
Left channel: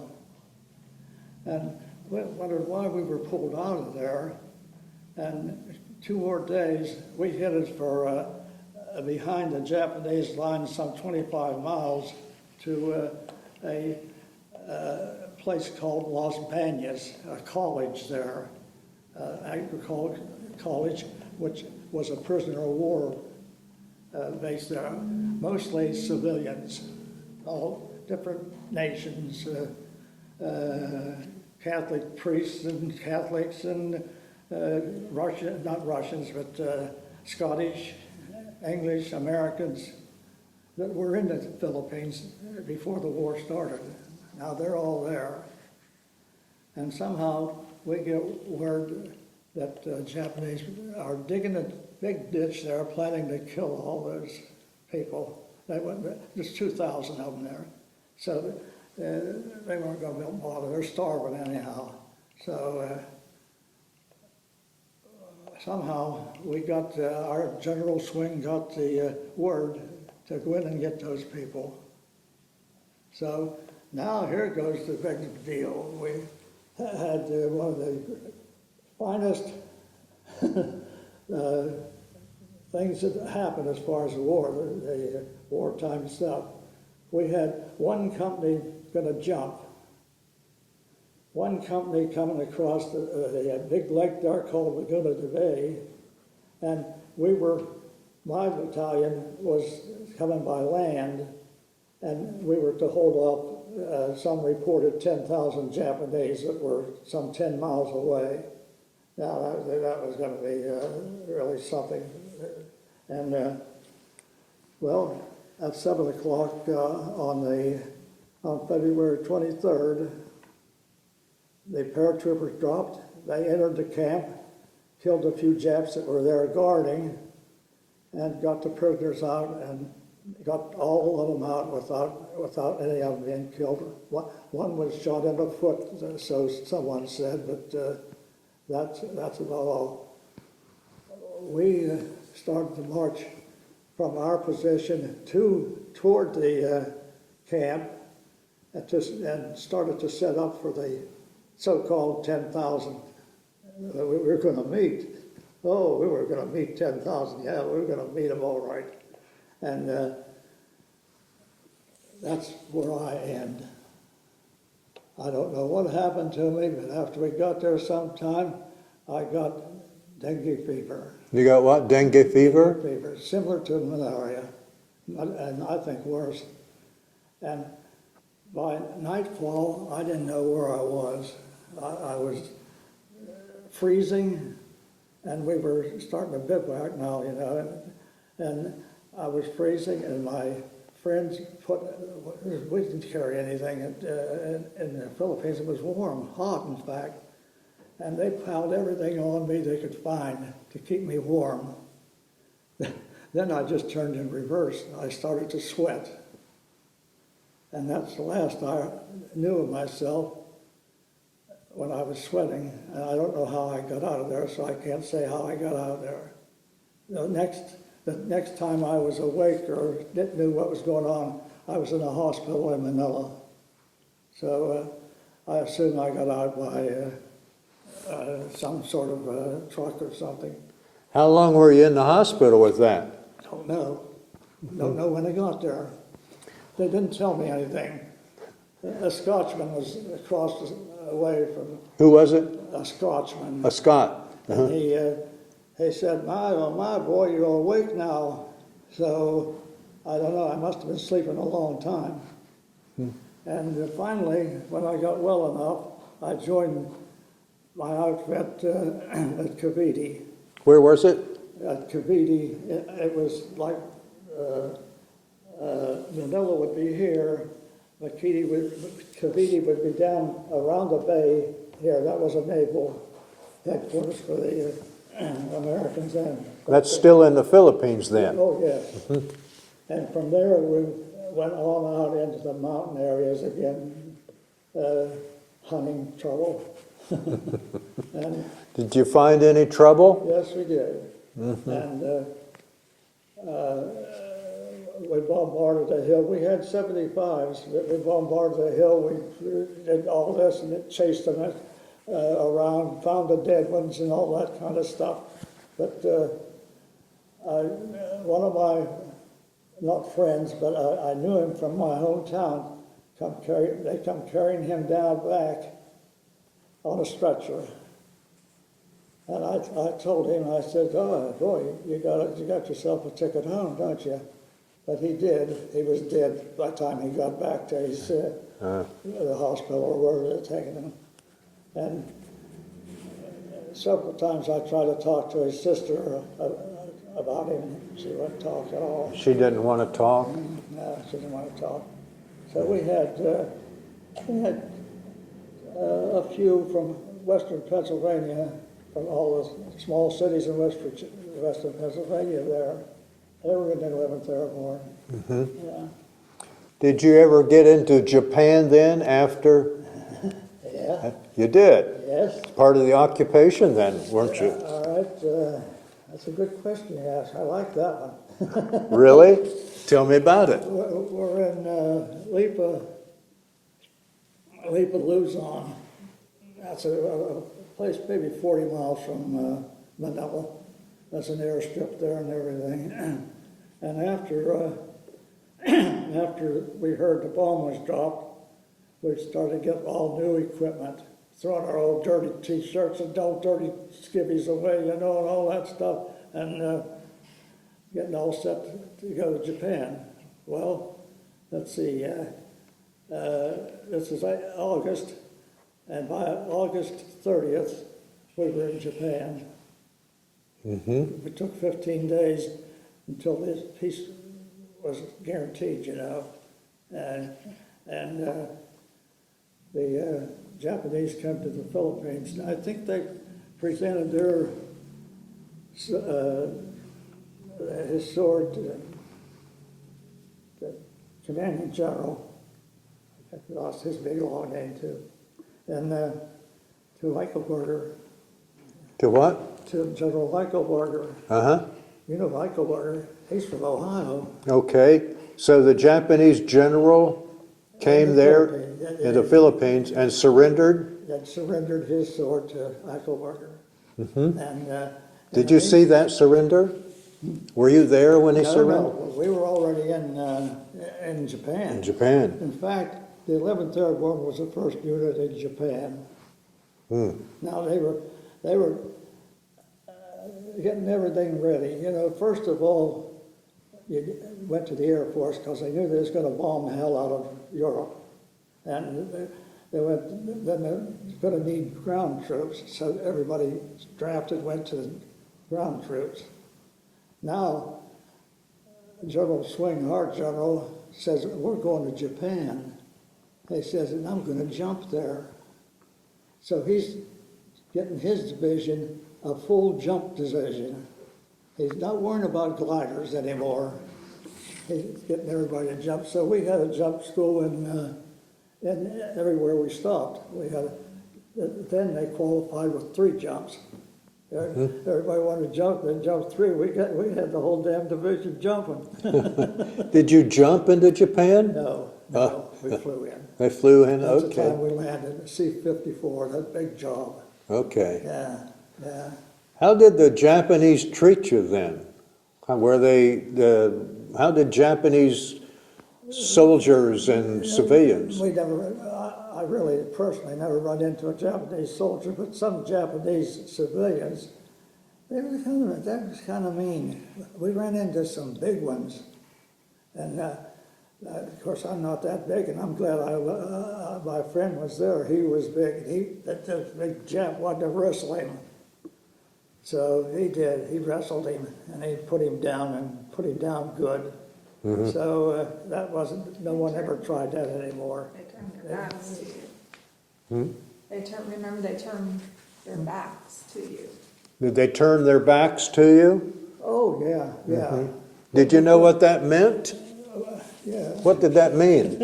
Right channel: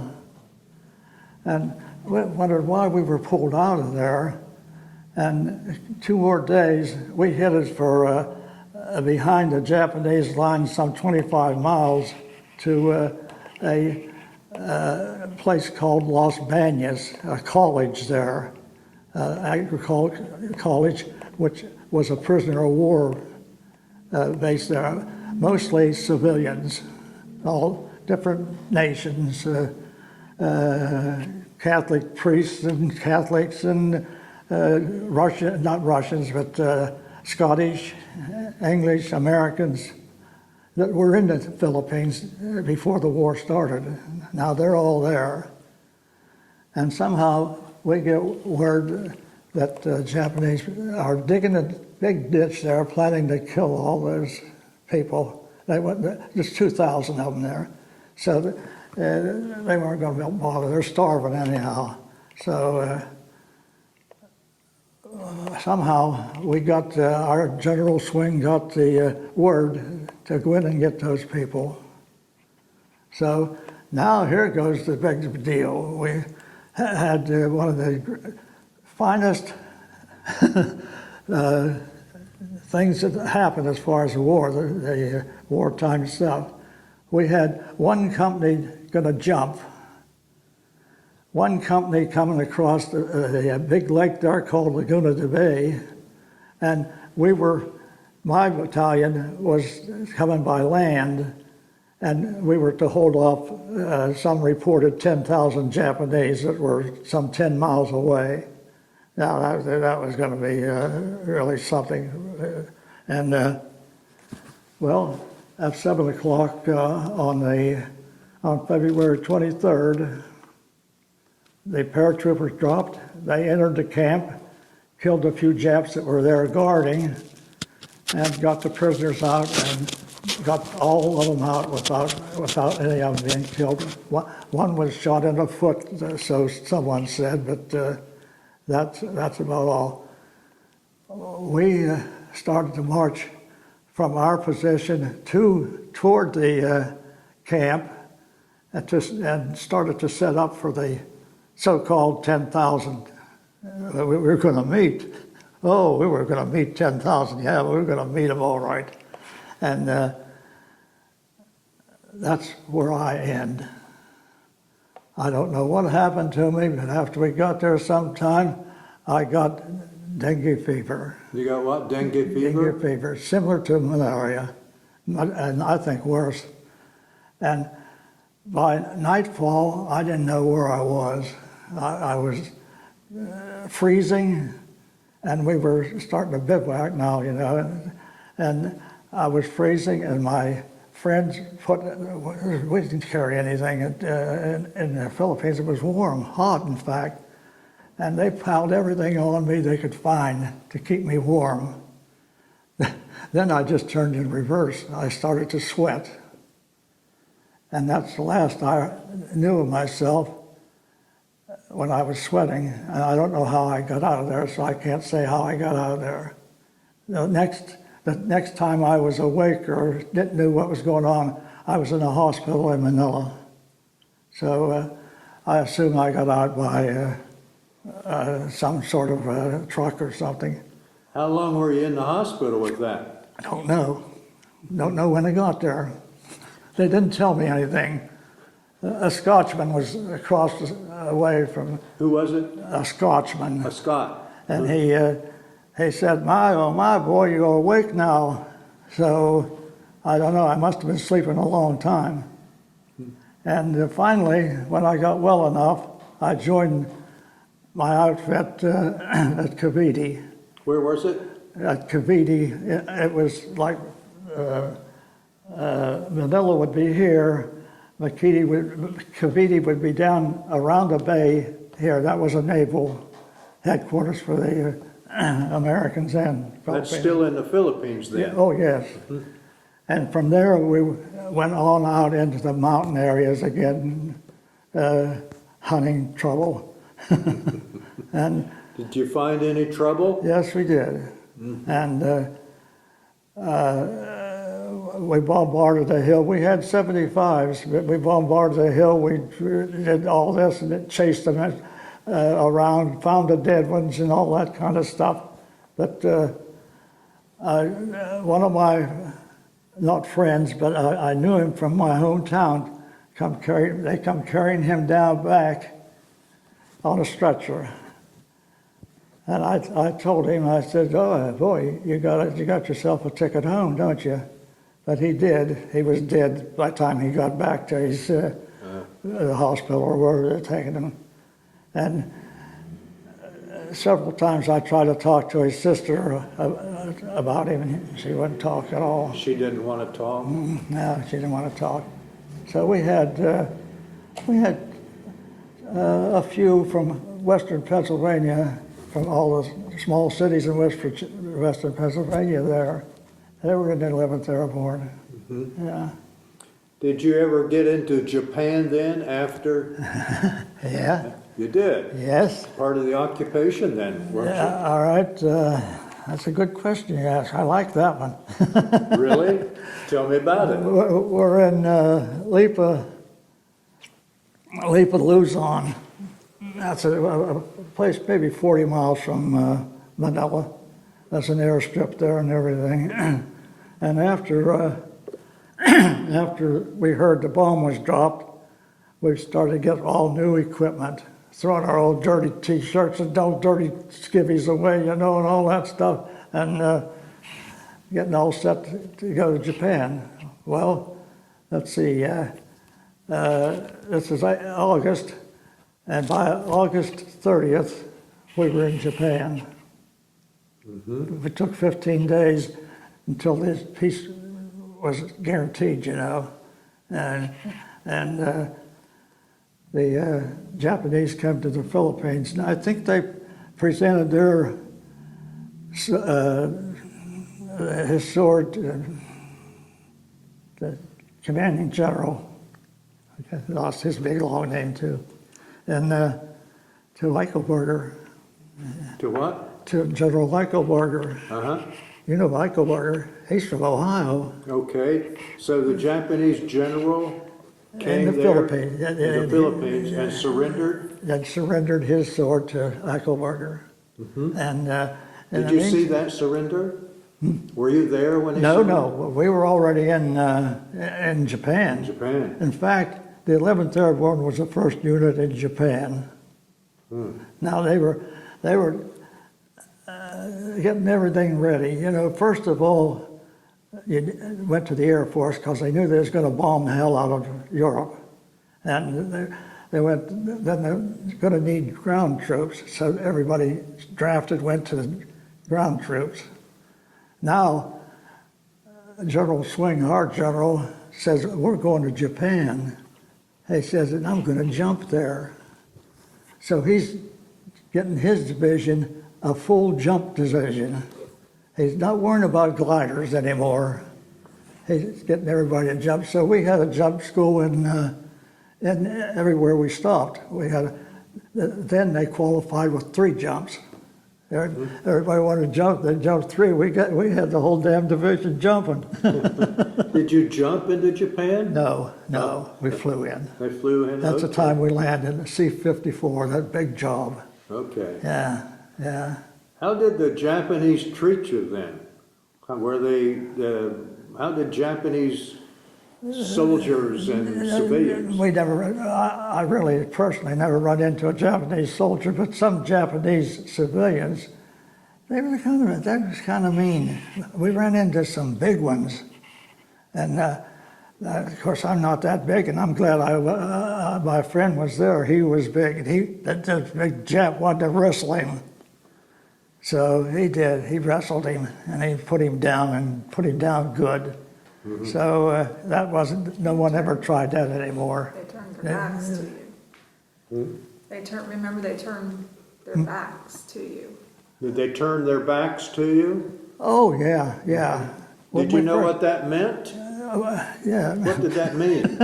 and we wondered why we were pulled out of there. And 2 more days, we headed for behind the Japanese line some 25 miles to a place called Los Baños, a college there, agricultural college, which was a prisoner of war base there, mostly civilians, all different nations, Catholic priests and Catholics and Russian, not Russians, but Scottish, English, Americans that were in the Philippines before the war started. Now they're all there. And somehow we get word that the Japanese are digging a big ditch there, planning to kill all those people. There's 2,000 of them there. So they weren't going to bother. They're starving anyhow. So somehow we got, our General Swing got the word to go in and get those people. So now here goes the big deal. We had one of the finest things that happened as far as the war, the wartime stuff. We had one company gonna jump, one company coming across the big lake there called Laguna de Bay, and my battalion was coming by land, and we were to hold off some reported 10,000 Japanese that were some 10 miles away. Now that was going to be really something, and well, at 7 o'clock on February 23rd, the paratroopers dropped. They entered the camp, killed a few Japs that were there guarding, and got the prisoners out and got all of them out without any of them being killed. One was shot in the foot, so someone said, but that's about all. We started to march from our position toward the camp and started to set up for the so-called 10,000 we were going to meet. Oh, we were going to meet 10,000. Yeah, we were going to meet them all right. And that's where I end. I don't know what happened to me, but after we got there sometime, I got dengue fever. You got what, dengue fever? Dengue fever, similar to malaria, and I think worse. And by nightfall, I didn't know where I was. I was freezing, and we were starting to bivouac now, you know, and I was freezing, and my friends we didn't carry anything in the Philippines. It was warm, hot in fact, and they piled everything on me they could find to keep me warm. Then I just turned in reverse. I started to sweat, and that's the last I knew of myself when I was sweating. And I don't know how I got out of there, so I can't say how I got out of there. The next time I was awake or didn't know what was going on, I was in a hospital in Manila. So I assume I got out by some sort of truck or something. How long were you in the hospital with that? I don't know. Don't know when I got there. They didn't tell me anything. A Scotchman was across the way from... Who was it? A Scotchman. A Scot. And he said, oh my boy, you're awake now. So I don't know, I must have been sleeping a long time. And finally, when I got well enough, I joined my outfit at Cavite. Where was it? At Cavite, it was like Manila would be here, Cavite would be down around the bay here. That was a naval headquarters for the Americans and That's Filipinos. still in the Philippines then? Oh, yes. And from there, we went on out into the mountain areas again, hunting trouble. And Did you find any trouble? yes, we did. And we bombarded a hill. We had 75s, but we bombarded a hill. We did all this and it chased them around, found the dead ones and all that kind of stuff. But one of my, not friends, but I knew him from my hometown, they come carrying him down back on a stretcher. And I told him, I said, oh boy, you got yourself a ticket home, don't you? But he did. He was dead by the time he got back to his the hospital or wherever they're taking him. And several times I tried to talk to his sister about him, and she wouldn't talk at all. She didn't want to talk? No, she didn't want to talk. So we had a few from western Pennsylvania, from all the small cities in western Pennsylvania there. They were in the 11th Airborne. Yeah. Did you ever get into Japan then after? Yeah. You did? Yes. Part of the occupation then, weren't you? All right. That's a good question you ask. I like that one. Really? Tell me about it. We're in Lipa, Luzon. That's a place maybe 40 miles from Manila. That's an airstrip there and everything. And after we heard the bomb was dropped, we started to get all new equipment, throwing our old dirty T-shirts and old dirty skivvies away, you know, and all that stuff, and getting all set to go to Japan. Well, let's see, this is August, and by August 30th, we were in Japan. It took 15 days until this peace was guaranteed, you know, and the Japanese came to the Philippines, and I think they presented his sword to the commanding general. I lost his big long name too, and to Eichelberger. To what? To General Eichelberger. Uh-huh. You know Eichelberger, he's from Ohio. Okay. So the Japanese general came there in the Philippines and surrendered? And surrendered his sword to Eichelberger. And Did you see that surrender? Were you there when he surrendered? No, we were already in Japan. In Japan. In fact, the 11th Airborne was the first unit in Japan. Now they were getting everything ready. You know, first of all, you went to the Air Force because they knew they was going to bomb the hell out of Europe, and they went. Then they're going to need ground troops, so everybody drafted went to the ground troops. Now, General Swing, our general, says we're going to Japan. He says, and I'm going to jump there. So he's getting his division a full jump division. He's not worrying about gliders anymore. He's getting everybody to jump. So we had a jump school in everywhere we stopped. Then they qualified with 3 jumps. Everybody wanted to jump. They jumped 3. We had the whole damn division jumping. Did you jump into Japan? No, we flew in. They flew in? That's okay. the time we landed, the C-54, that big job. Okay. Yeah. How did the Japanese treat you then? How did Japanese soldiers and civilians? I really personally never run into a Japanese soldier, but some Japanese civilians, they was kind of mean. We ran into some big ones, and of course I'm not that big, and I'm glad my friend was there. He was big, and that big Jap wanted to wrestle him. So he did. He wrestled him, and he put him down good. So that wasn't. No one ever tried that anymore. They turned their backs to you. Remember they turned their backs to you. Did they turn their backs to you? Oh, yeah, yeah. Did you know what that meant? Yeah, What did that mean?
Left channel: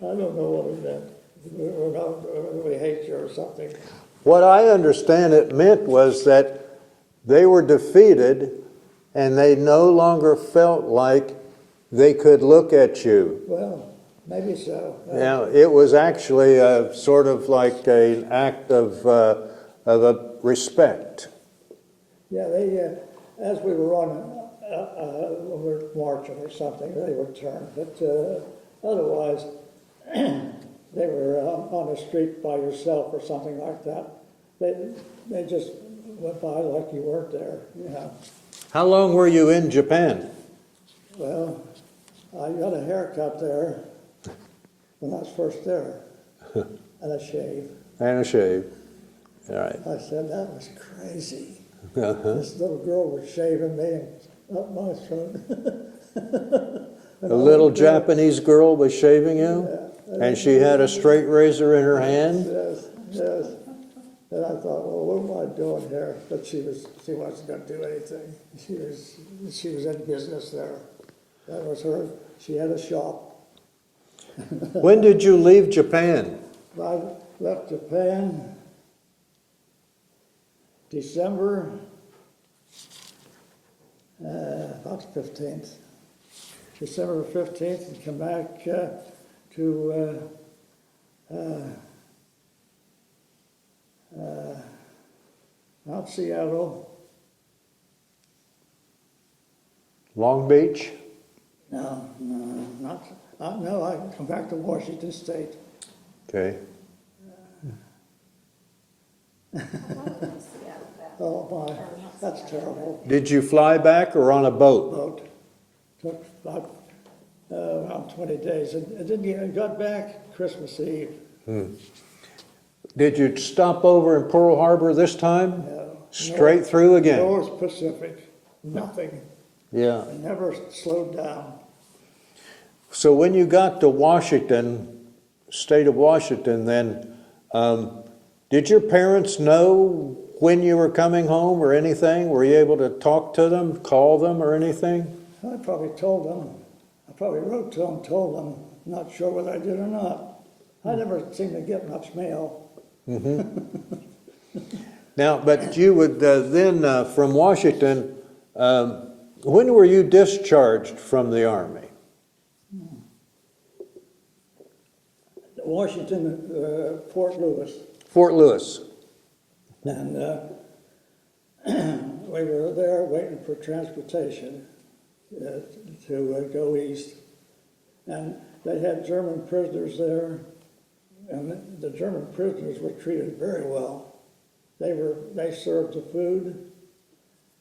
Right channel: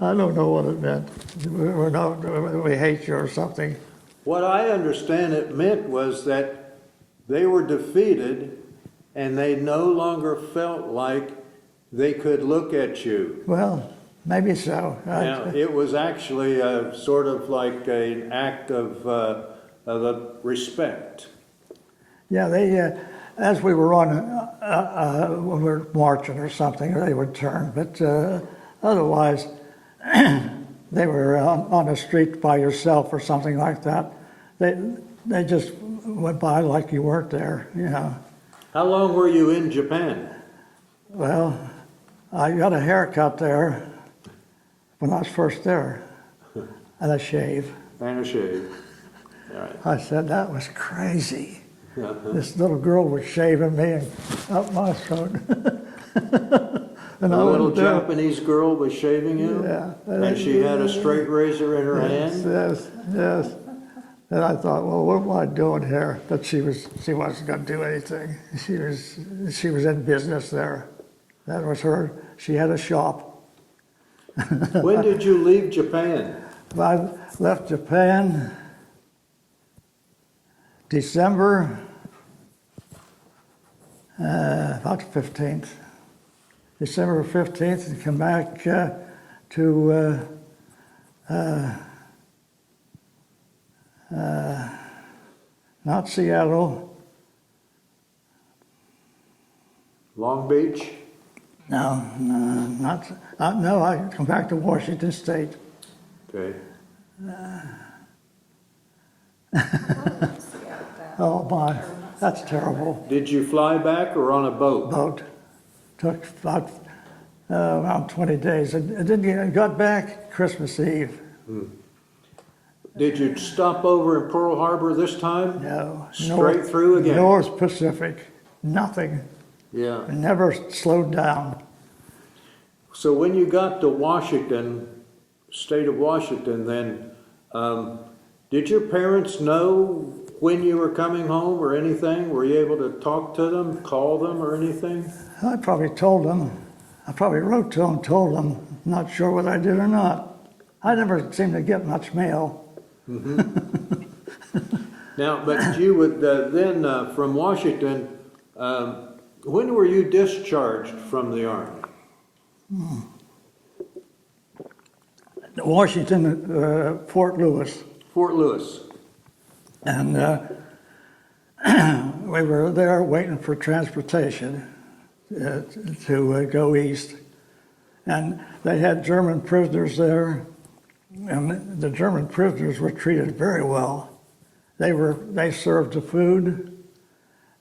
I don't know what it meant. We're not, we hate you or something. What I understand it meant was that they were defeated and they no longer felt like they could look at you. Well, maybe so. Now, it was actually a sort of like an act of a respect. Yeah, they, as we were on, when we were marching or something, they would turn, but otherwise, they were on the street by yourself or something like that. They just went by like you weren't there, you know. How long were you in Japan? Well, I got a haircut there when I was first there, and a shave. And a shave. All right. I said, that was crazy. Uh-huh. This little girl was shaving me and up my throat. A little Japanese girl was shaving you? Yeah. And she had a straight razor in her hand? Yes, yes. And I thought, well, what am I doing here? But she wasn't going to do anything. She was in business there. That was her. She had a shop. When did you leave Japan? I left Japan December about 15th. December 15th, and come back to not Seattle. Long Beach? No, no, I come back to Washington State. Okay. Oh my, that's terrible. Did you fly back or on a boat? Boat. Took about around 20 days. I got back Christmas Eve. Did you stop over in Pearl Harbor this time? No. Straight through again? North Pacific, nothing. Yeah. It never slowed down. So when you got to Washington, state of Washington, then, did your parents know when you were coming home or anything? Were you able to talk to them, call them or anything? I probably told them. I probably wrote to them, told them. Not sure whether I did or not. I never seemed to get much mail. Now, but you would then, from Washington, when were you discharged from the Army? Washington, Fort Lewis. Fort Lewis. And we were there waiting for transportation to go east. And they had German prisoners there, and the German prisoners were treated very well. They served the food.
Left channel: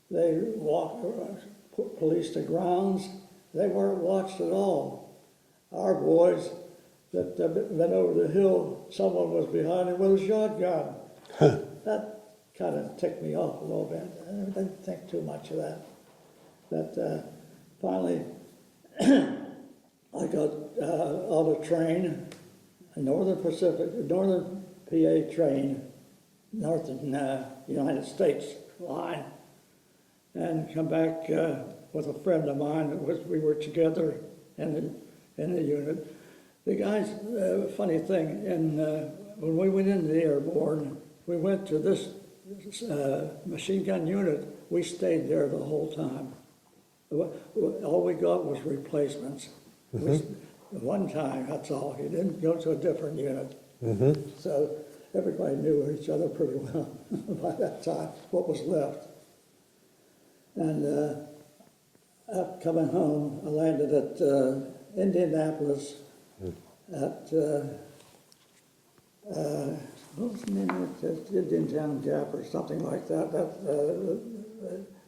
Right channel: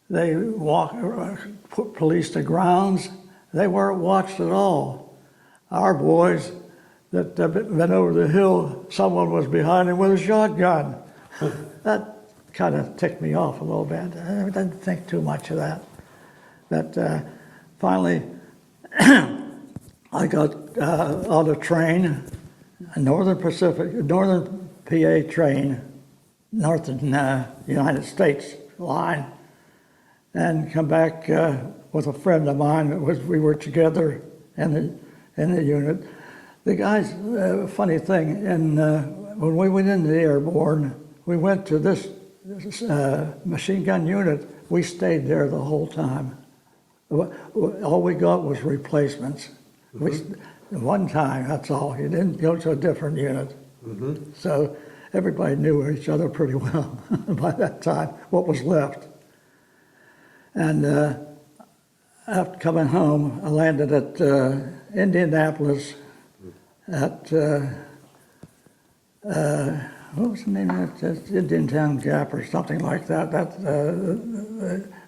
They policed the grounds. They weren't watched at all. Our boys that been over the hill, someone was behind them with a shotgun. That kind of ticked me off a little bit. I didn't think too much of that. But finally, I got on a train, a Northern PA train, Northern United States line, and come back with a friend of mine. We were together in the unit. The guys, funny thing, when we went into the Airborne, we went to this machine gun unit. We stayed there the whole time. All we got was replacements. One time, that's all. You didn't go to a different unit. So everybody knew each other pretty well by that time, what was left. And after coming home, I landed at Indianapolis at, what was the name of it? Indiantown Gap or something like that.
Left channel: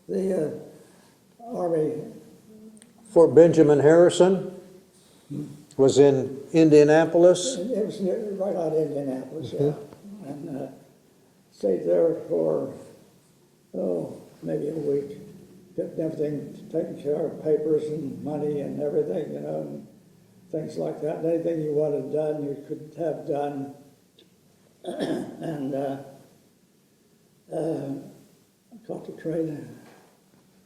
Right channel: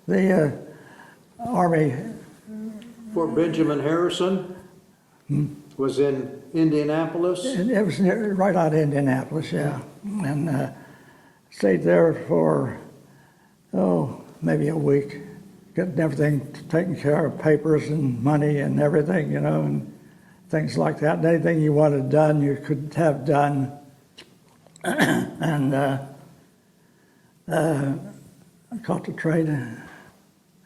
The Army. Fort Benjamin Harrison was in Indianapolis? It was right out of Indianapolis, yeah. And stayed there for, maybe a week. Getting everything taken care of, papers and money and everything, and things like that. And anything you wanted done, you could have done. And I caught the train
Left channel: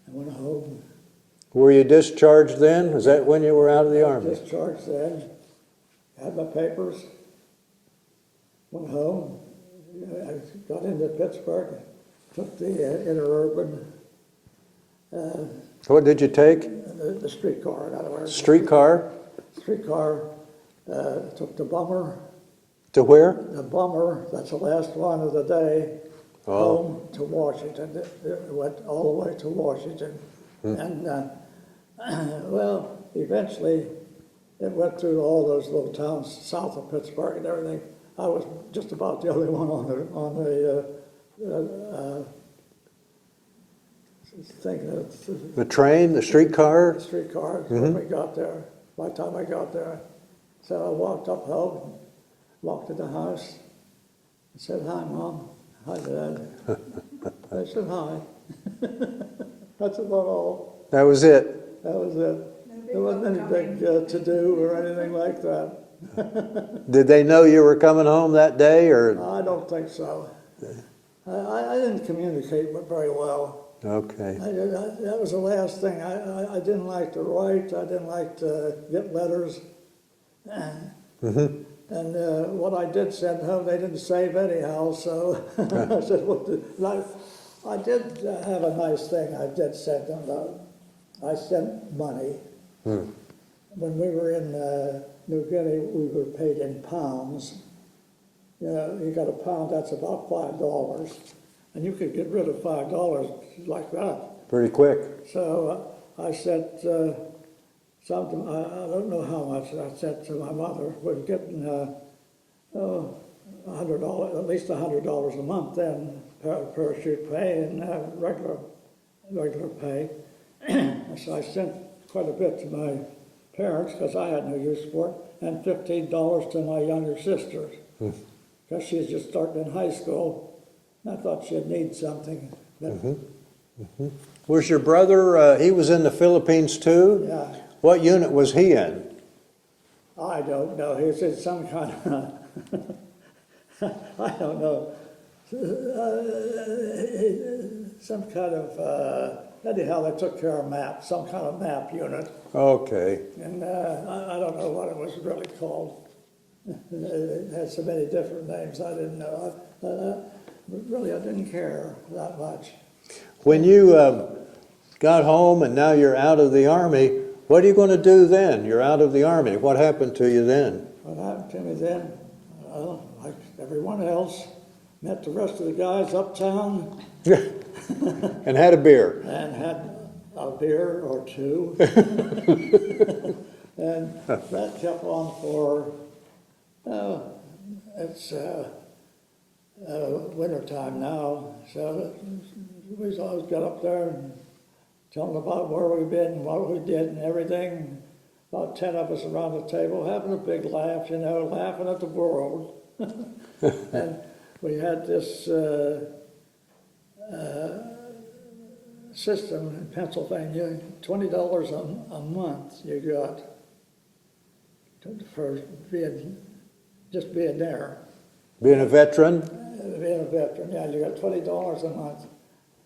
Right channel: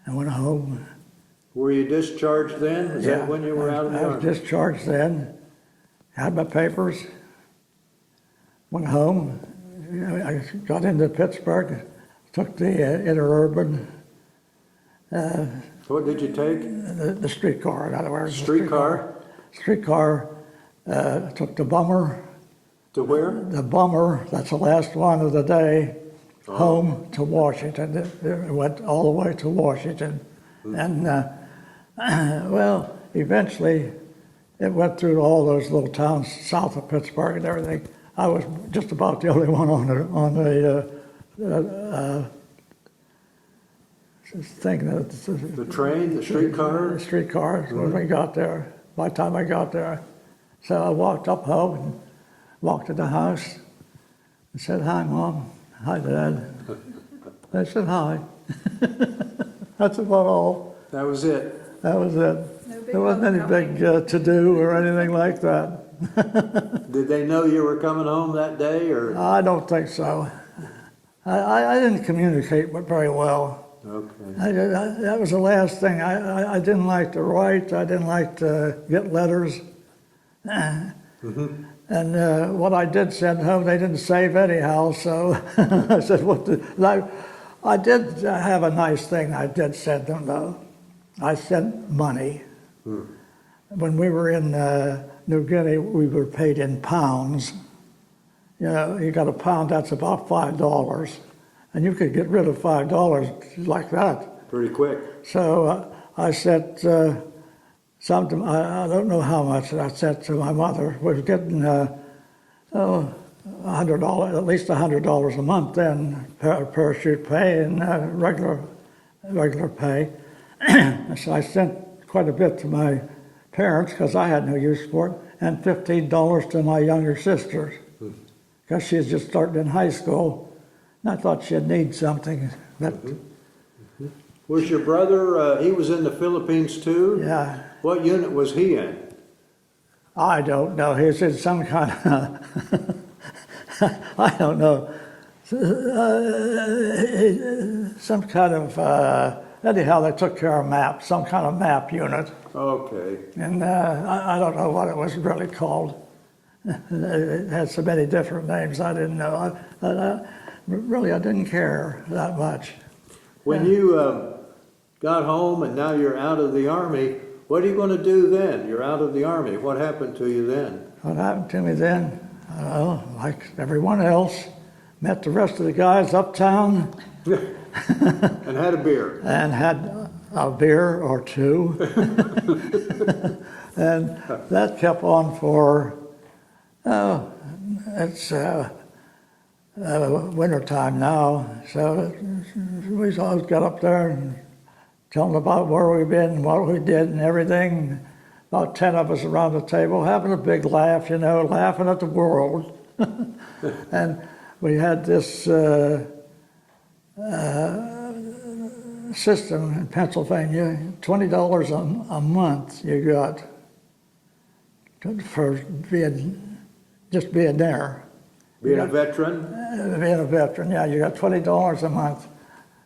and went home. Were you discharged then? Is that Yeah, when you were out of the I was Army? discharged then, had my papers, went home. I got into Pittsburgh, took the interurban, What did you take? the streetcar, in other words. Streetcar? Streetcar, took the bummer. To where? The bummer, that's the last one of the day, Oh. home to Washington. It went all the way to Washington. And, well, eventually, it went through all those little towns south of Pittsburgh and everything. I was just about the only one on the thing. The train, the streetcar? The streetcar, when we got there, by the time I got there. So I walked up home and walked to the house and said, "Hi, Mom. Hi, Dad." They said, "Hi." That's about all. That was it. That was it. big There wasn't any big to-do or anything like that. Did they know you were coming home that day, or? I don't think so. I didn't communicate very well. Okay. That was the last thing. I didn't like to write. I didn't like to get letters. And what I did send home, they didn't save anyhow. So I said, "What the?" I did have a nice thing. I did send them though. I sent money. When we were in New Guinea, we were paid in pounds. You know, you got a pound, that's about $5. And you could get rid of $5 like that. Pretty quick. So I sent something, I don't know how much I sent to my mother. We were getting $100, at least $100 a month then, parachute pay and regular pay. So I sent quite a bit to my parents because I had no use for it, and $15 to my younger sisters because she was just starting in high school. And I thought she'd need something. But, Was your brother, he was in the Philippines too? yeah, What unit was he in? I don't know. He was in some kind of, I don't know, some kind of, anyhow, they took care of maps, some kind of map unit. Okay. And I don't know what it was really called. It had so many different names, I didn't know. Really, I didn't care that much. When you got home and now you're out of the Army, what are you going to do then? You're out of the Army. What happened to you then? What happened to me then? Well, like everyone else, met the rest of the guys uptown And had a beer. and had a beer or two. And that kept on for, it's winter time now, so we always got up there and tell them about where we've been, what we did and everything. About 10 of us around the table having a big laugh, you know, laughing at the world. And we had this system in Pennsylvania, $20 a month you got for just being there. Being a veteran? Being a veteran, yeah, you got $20 a month.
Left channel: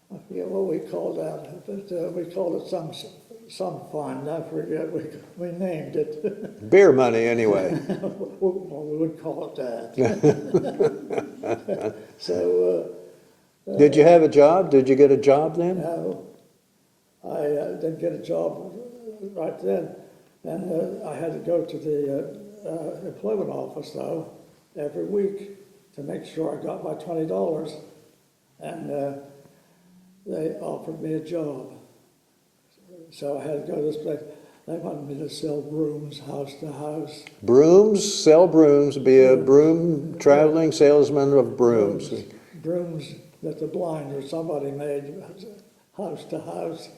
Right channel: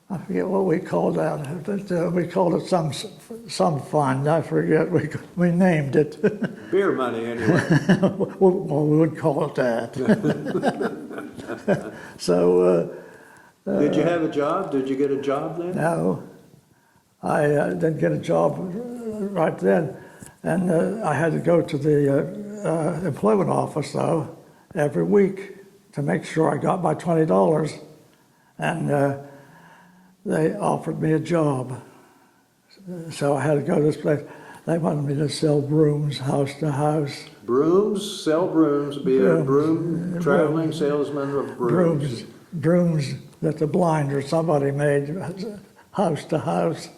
I forget what we called that, but we called it some fund. I forget. We named it. Beer money, anyway. Well, we wouldn't call it that. So. Did you have a job? Did you get a job then? No, I didn't get a job right then, and I had to go to the employment office though every week to make sure I got my $20, and they offered me a job. So I had to go to this place. They wanted me to sell brooms house to house. Brooms, sell brooms, be a broom traveling salesman of brooms. Brooms that the blind or somebody made house to house.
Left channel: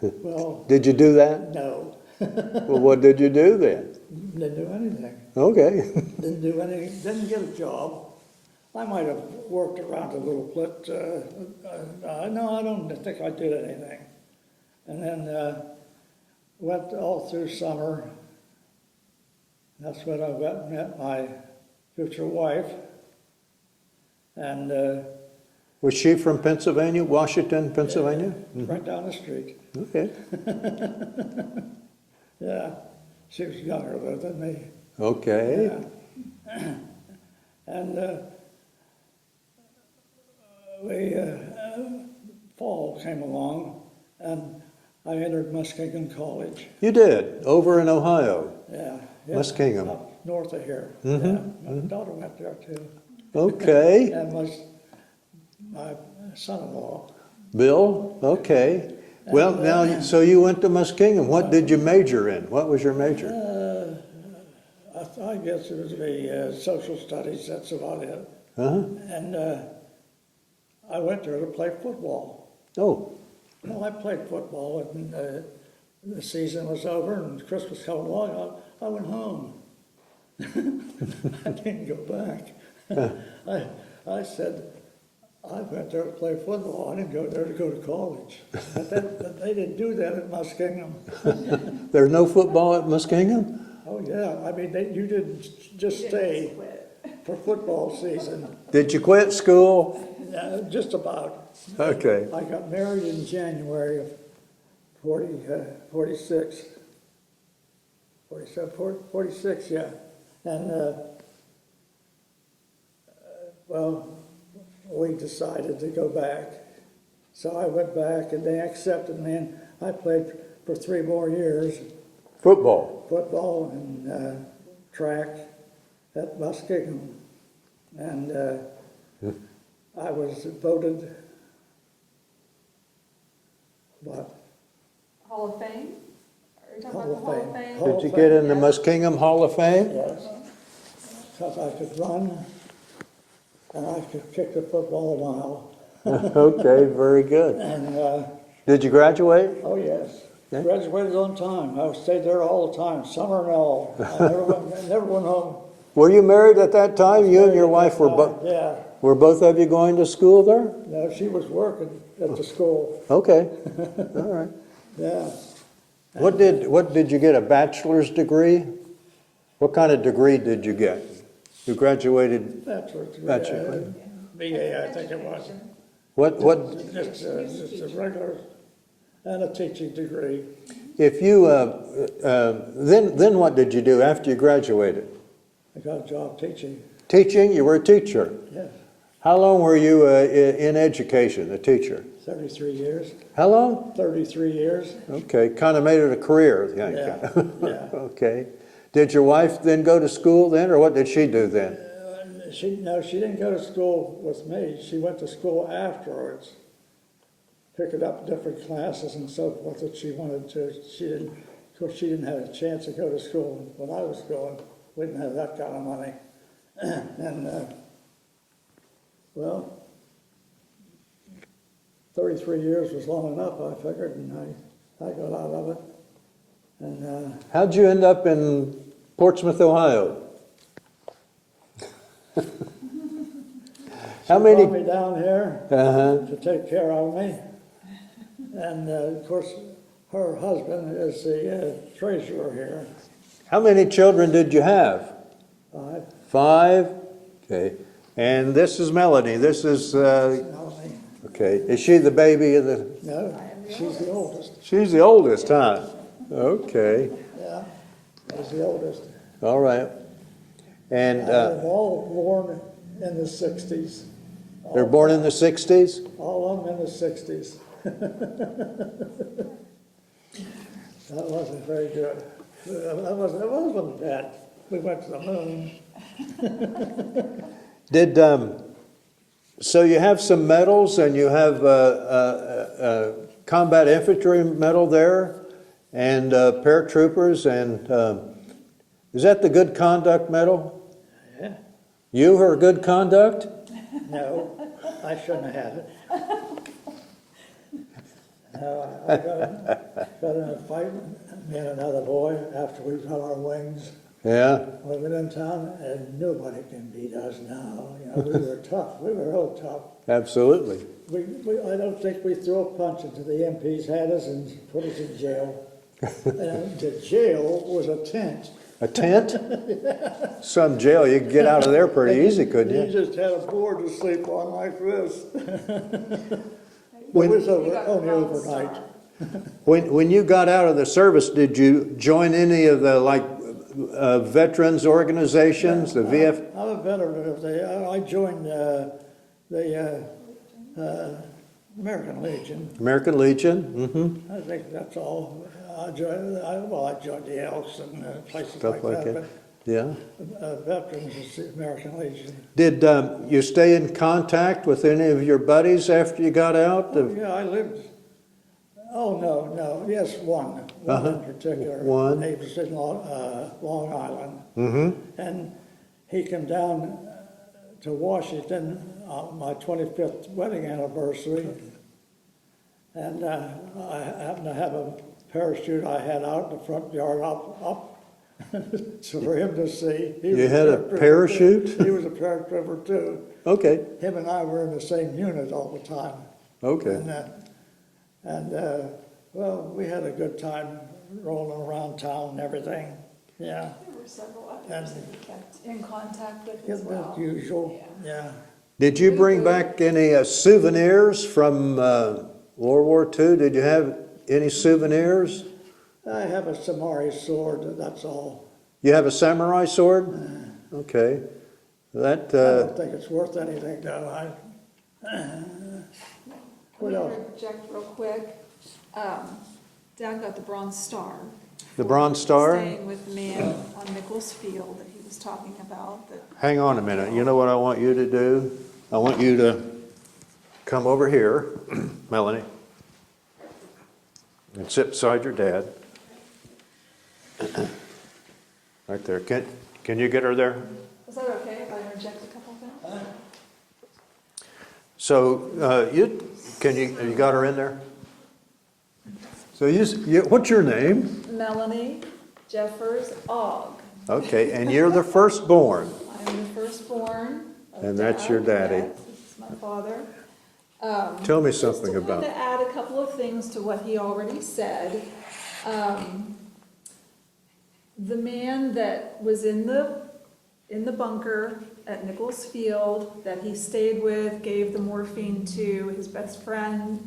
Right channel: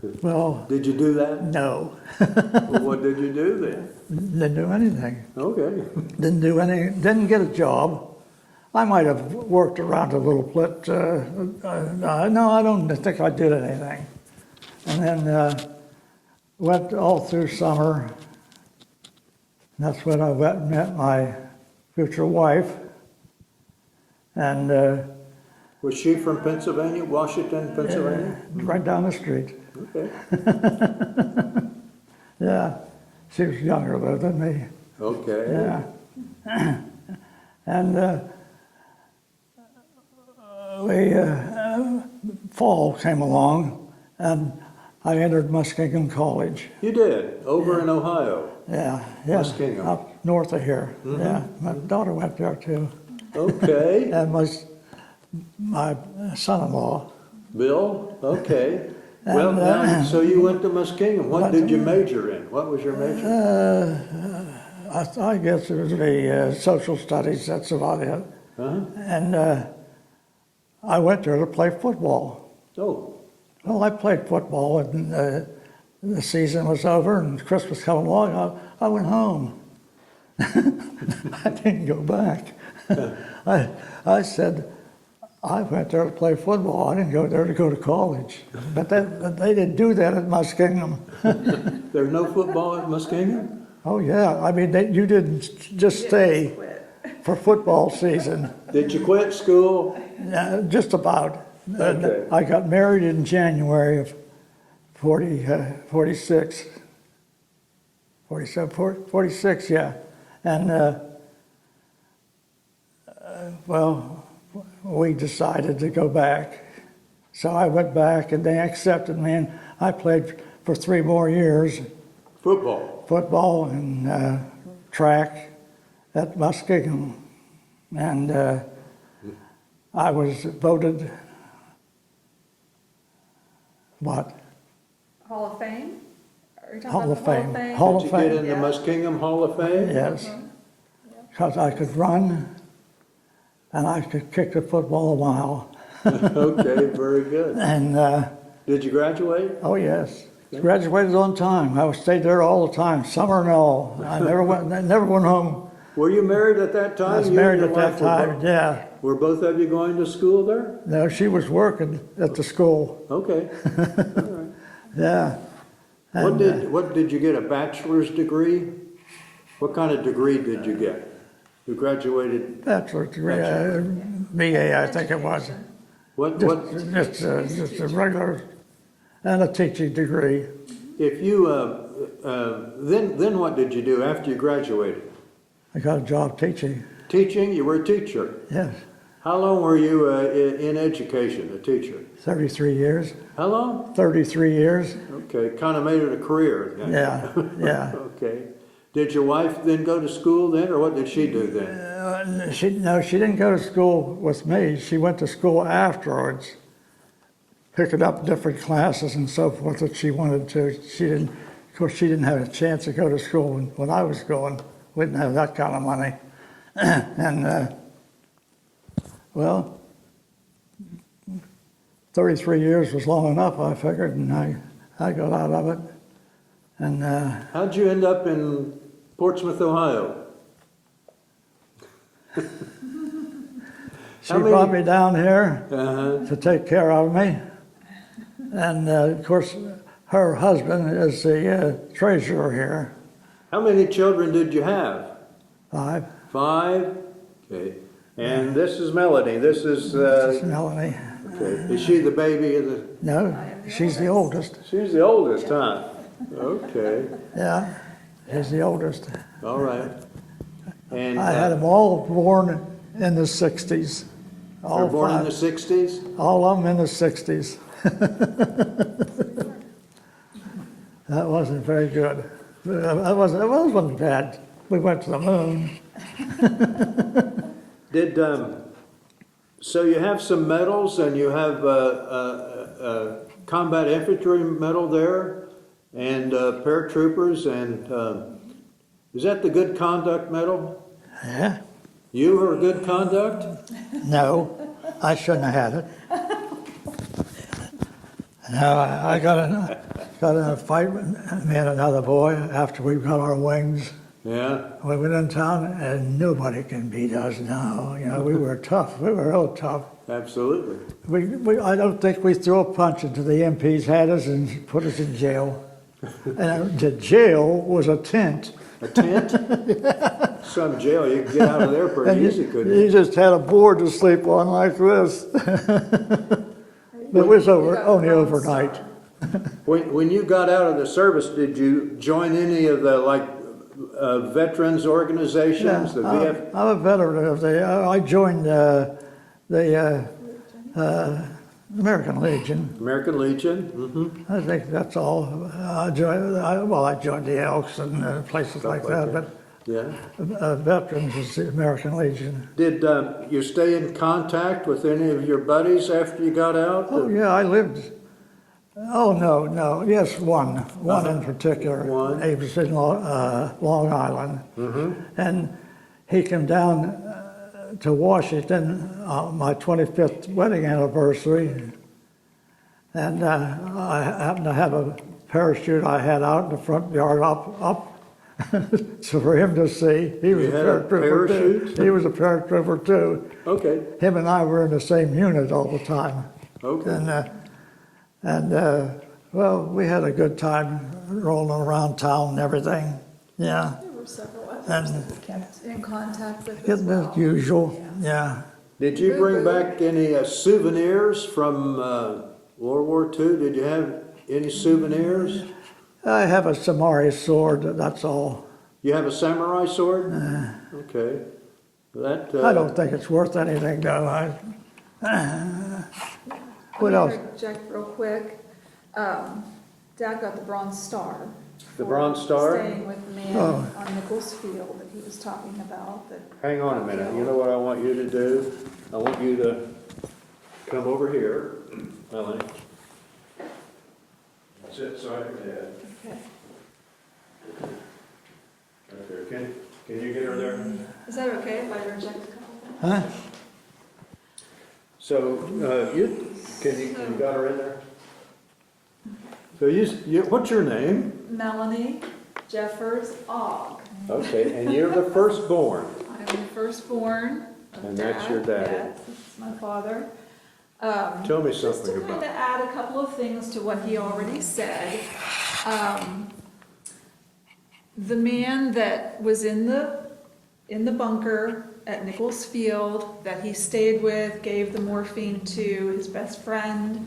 Well, Did you do that? no, Well, what did you do then? didn't do anything. Okay. Didn't get a job. I might have worked around a little bit. No, I don't think I did anything. And then went all through summer. And that's when I met my future wife. And Was she from Pennsylvania, Washington, Pennsylvania? Right down the street. Okay. Yeah, she was younger though than me. Okay. Yeah. And fall came along, and I entered Muskingum College. You did, over in Ohio. Yeah, Muskingum. up north of here. Mm-hmm. Yeah, my daughter went there too, Okay. and was my son-in-law. Bill, okay. Well, now, so you went to Muskingum. What did you major in? What was your major? I guess it was the social studies. That's about it. Uh-huh. And I went there to play football. Oh, Well, I played football, and the season was over, and Christmas came along. I went home. I didn't go back. I said, I went there to play football. I didn't go there to go to college. But they didn't do that at Muskingum. there's no football at Muskingum? Oh, yeah. I mean, you didn't just stay for football season. Did you quit school? Just about. Okay. I got married in January of 46. 46, yeah. And, well, we decided to go back. So I went back, and they accepted me, and I played for 3 more years, football and track at Muskingum. And I was voted, what? Hall of Fame? Are you talking Hall about of the Fame. Hall Did of you get Fame. in the Muskingum Hall of Fame? Yes, because I could run and I could kick the football a mile. Okay, very good. And, Did you graduate? oh yes, Yeah. graduated on time. I stayed there all the time, summer and all. I never went home. Were you married at that I time? was You and married your at wife that were, time, yeah. were both of you going to school there? No, she was working at the school, Okay, all right. yeah. What did you get, a bachelor's degree? What kind of degree did you get? You graduated, Bachelor's degree, Bachelor. BA, I think it was. what, Just a regular, and a teaching degree. if you, then what did you do after you graduated? I got a job teaching, Teaching, you were a teacher. yes, How long were you in education, a teacher? 33 years, How long? 33 years, Okay, kind of made it a career. yeah, yeah. Okay. Did your wife then go to school then, or what did she do then? No, she didn't go to school with me. She went to school afterwards, picking up different classes and so forth that she wanted to. Of course, she didn't have a chance to go to school when I was going. We didn't have that kind of money. And, well, 33 years was long enough, I figured, and I got out of it. And How'd you end up in Portsmouth, Ohio? she How many- brought me down here Uh-huh. to take care of me. And of course, her husband is the treasurer here. How many children did you have? 5. 5? Okay. And this is Melody. This is, Melanie. okay. Is she the baby in the, No, she's the oldest. she's the oldest, huh? Okay. Yeah, she's the oldest. All right. And I had them all born in the 60s. they're born in the 60s? All of them in the 60s. That wasn't very good. It wasn't bad. We went to the moon. Did, so you have some medals and you have a combat infantry medal there and paratroopers and is that the good conduct medal? Yeah? You are good conduct? No, I shouldn't have had it. No, I got in a fight with me and another boy after we got our wings. Yeah. We went in town and nobody can beat us now. You know, we were tough. We were real tough. Absolutely. I don't think we threw a punch until the MPs had us and put us in jail. And the jail was a tent. A tent? Some jail, you could get out of there pretty easy, couldn't He you? just had a board to sleep on like this. It was only overnight. When you got out of the service, did you join any of the, like, veterans organizations, the VF? I'm a veteran of I joined the American Legion. American Legion? Mm-hmm. I think that's all. I joined the Elks and places Stuff like like that, that. Yeah. but veterans is the American Legion. Did you stay in contact with any of your buddies after you got out? Oh, yeah, I lived. Oh, no. Yes, one in particular. One. He was in Long Island. Mm-hmm. And he came down to Washington on my 25th wedding anniversary. And I happened to have a parachute I had out in the front yard up. So for him to see, he was had a parachute? He was a paratrooper too. Okay. Him and I were in the same unit all the time. Okay. Well, we had a good time rolling around town and everything. Yeah, There were several others that we kept in contact with as getting well. as usual. Yeah. Did you bring back any souvenirs from World War II? Did you have any souvenirs? I have a samurai sword. That's all. You have a samurai sword? Okay. That. I don't think it's worth anything, though. What I'll else? interject real quick. Dad got the Bronze Star. The Bronze Star? Staying with me on Nichols Field that he was talking about. That Hang on a minute. You know what I want you to do? I want you to come over here, Melanie, and sit beside your dad. okay. Right there. Can you get her there? Is that okay if I interject a couple things? Huh? So you got her in there? So what's your name? Melanie Jeffers Ogg. Okay, and you're the firstborn. I'm the firstborn. Of And that's your daddy. Yes, this is my father. Tell me Just something to about kind of add a couple of things to what he already said. The man that was in the bunker at Nichols Field that he stayed with, gave the morphine to his best friend,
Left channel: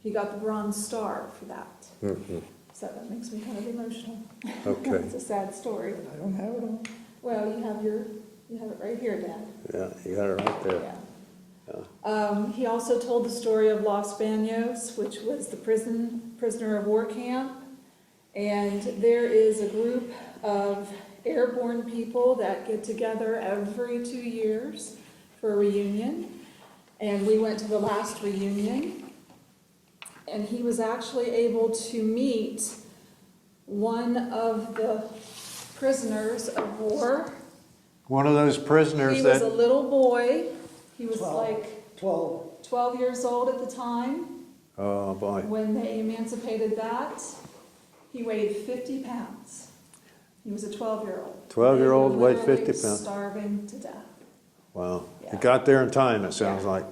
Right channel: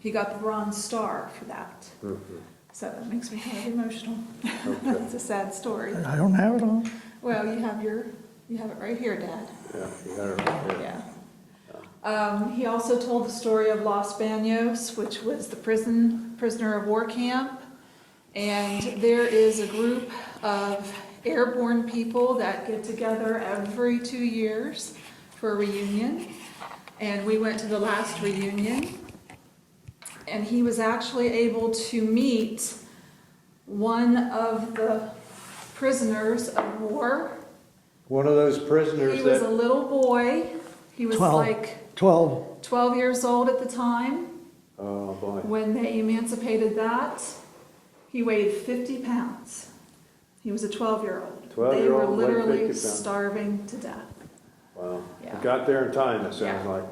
he got the Bronze Star for that. Mhm. So that makes me kind of emotional. Okay. It's a sad story. I don't have it on. Well, you have it right here, Dad. Yeah, you got her right there. Yeah. He also told the story of Los Baños, which was the prisoner of war camp. And there is a group of airborne people that get together every 2 years for a reunion. And we went to the last reunion. And he was actually able to meet one of the prisoners of war. One of those prisoners He was a that, little boy. He was 12. like 12. years old at the time oh boy, when they emancipated that. He weighed 50 pounds. He was a 12-year-old. 12-year-old weighed 50 They were literally pounds. starving to death. wow. Yeah. You got there in time, it sounds Yeah. like.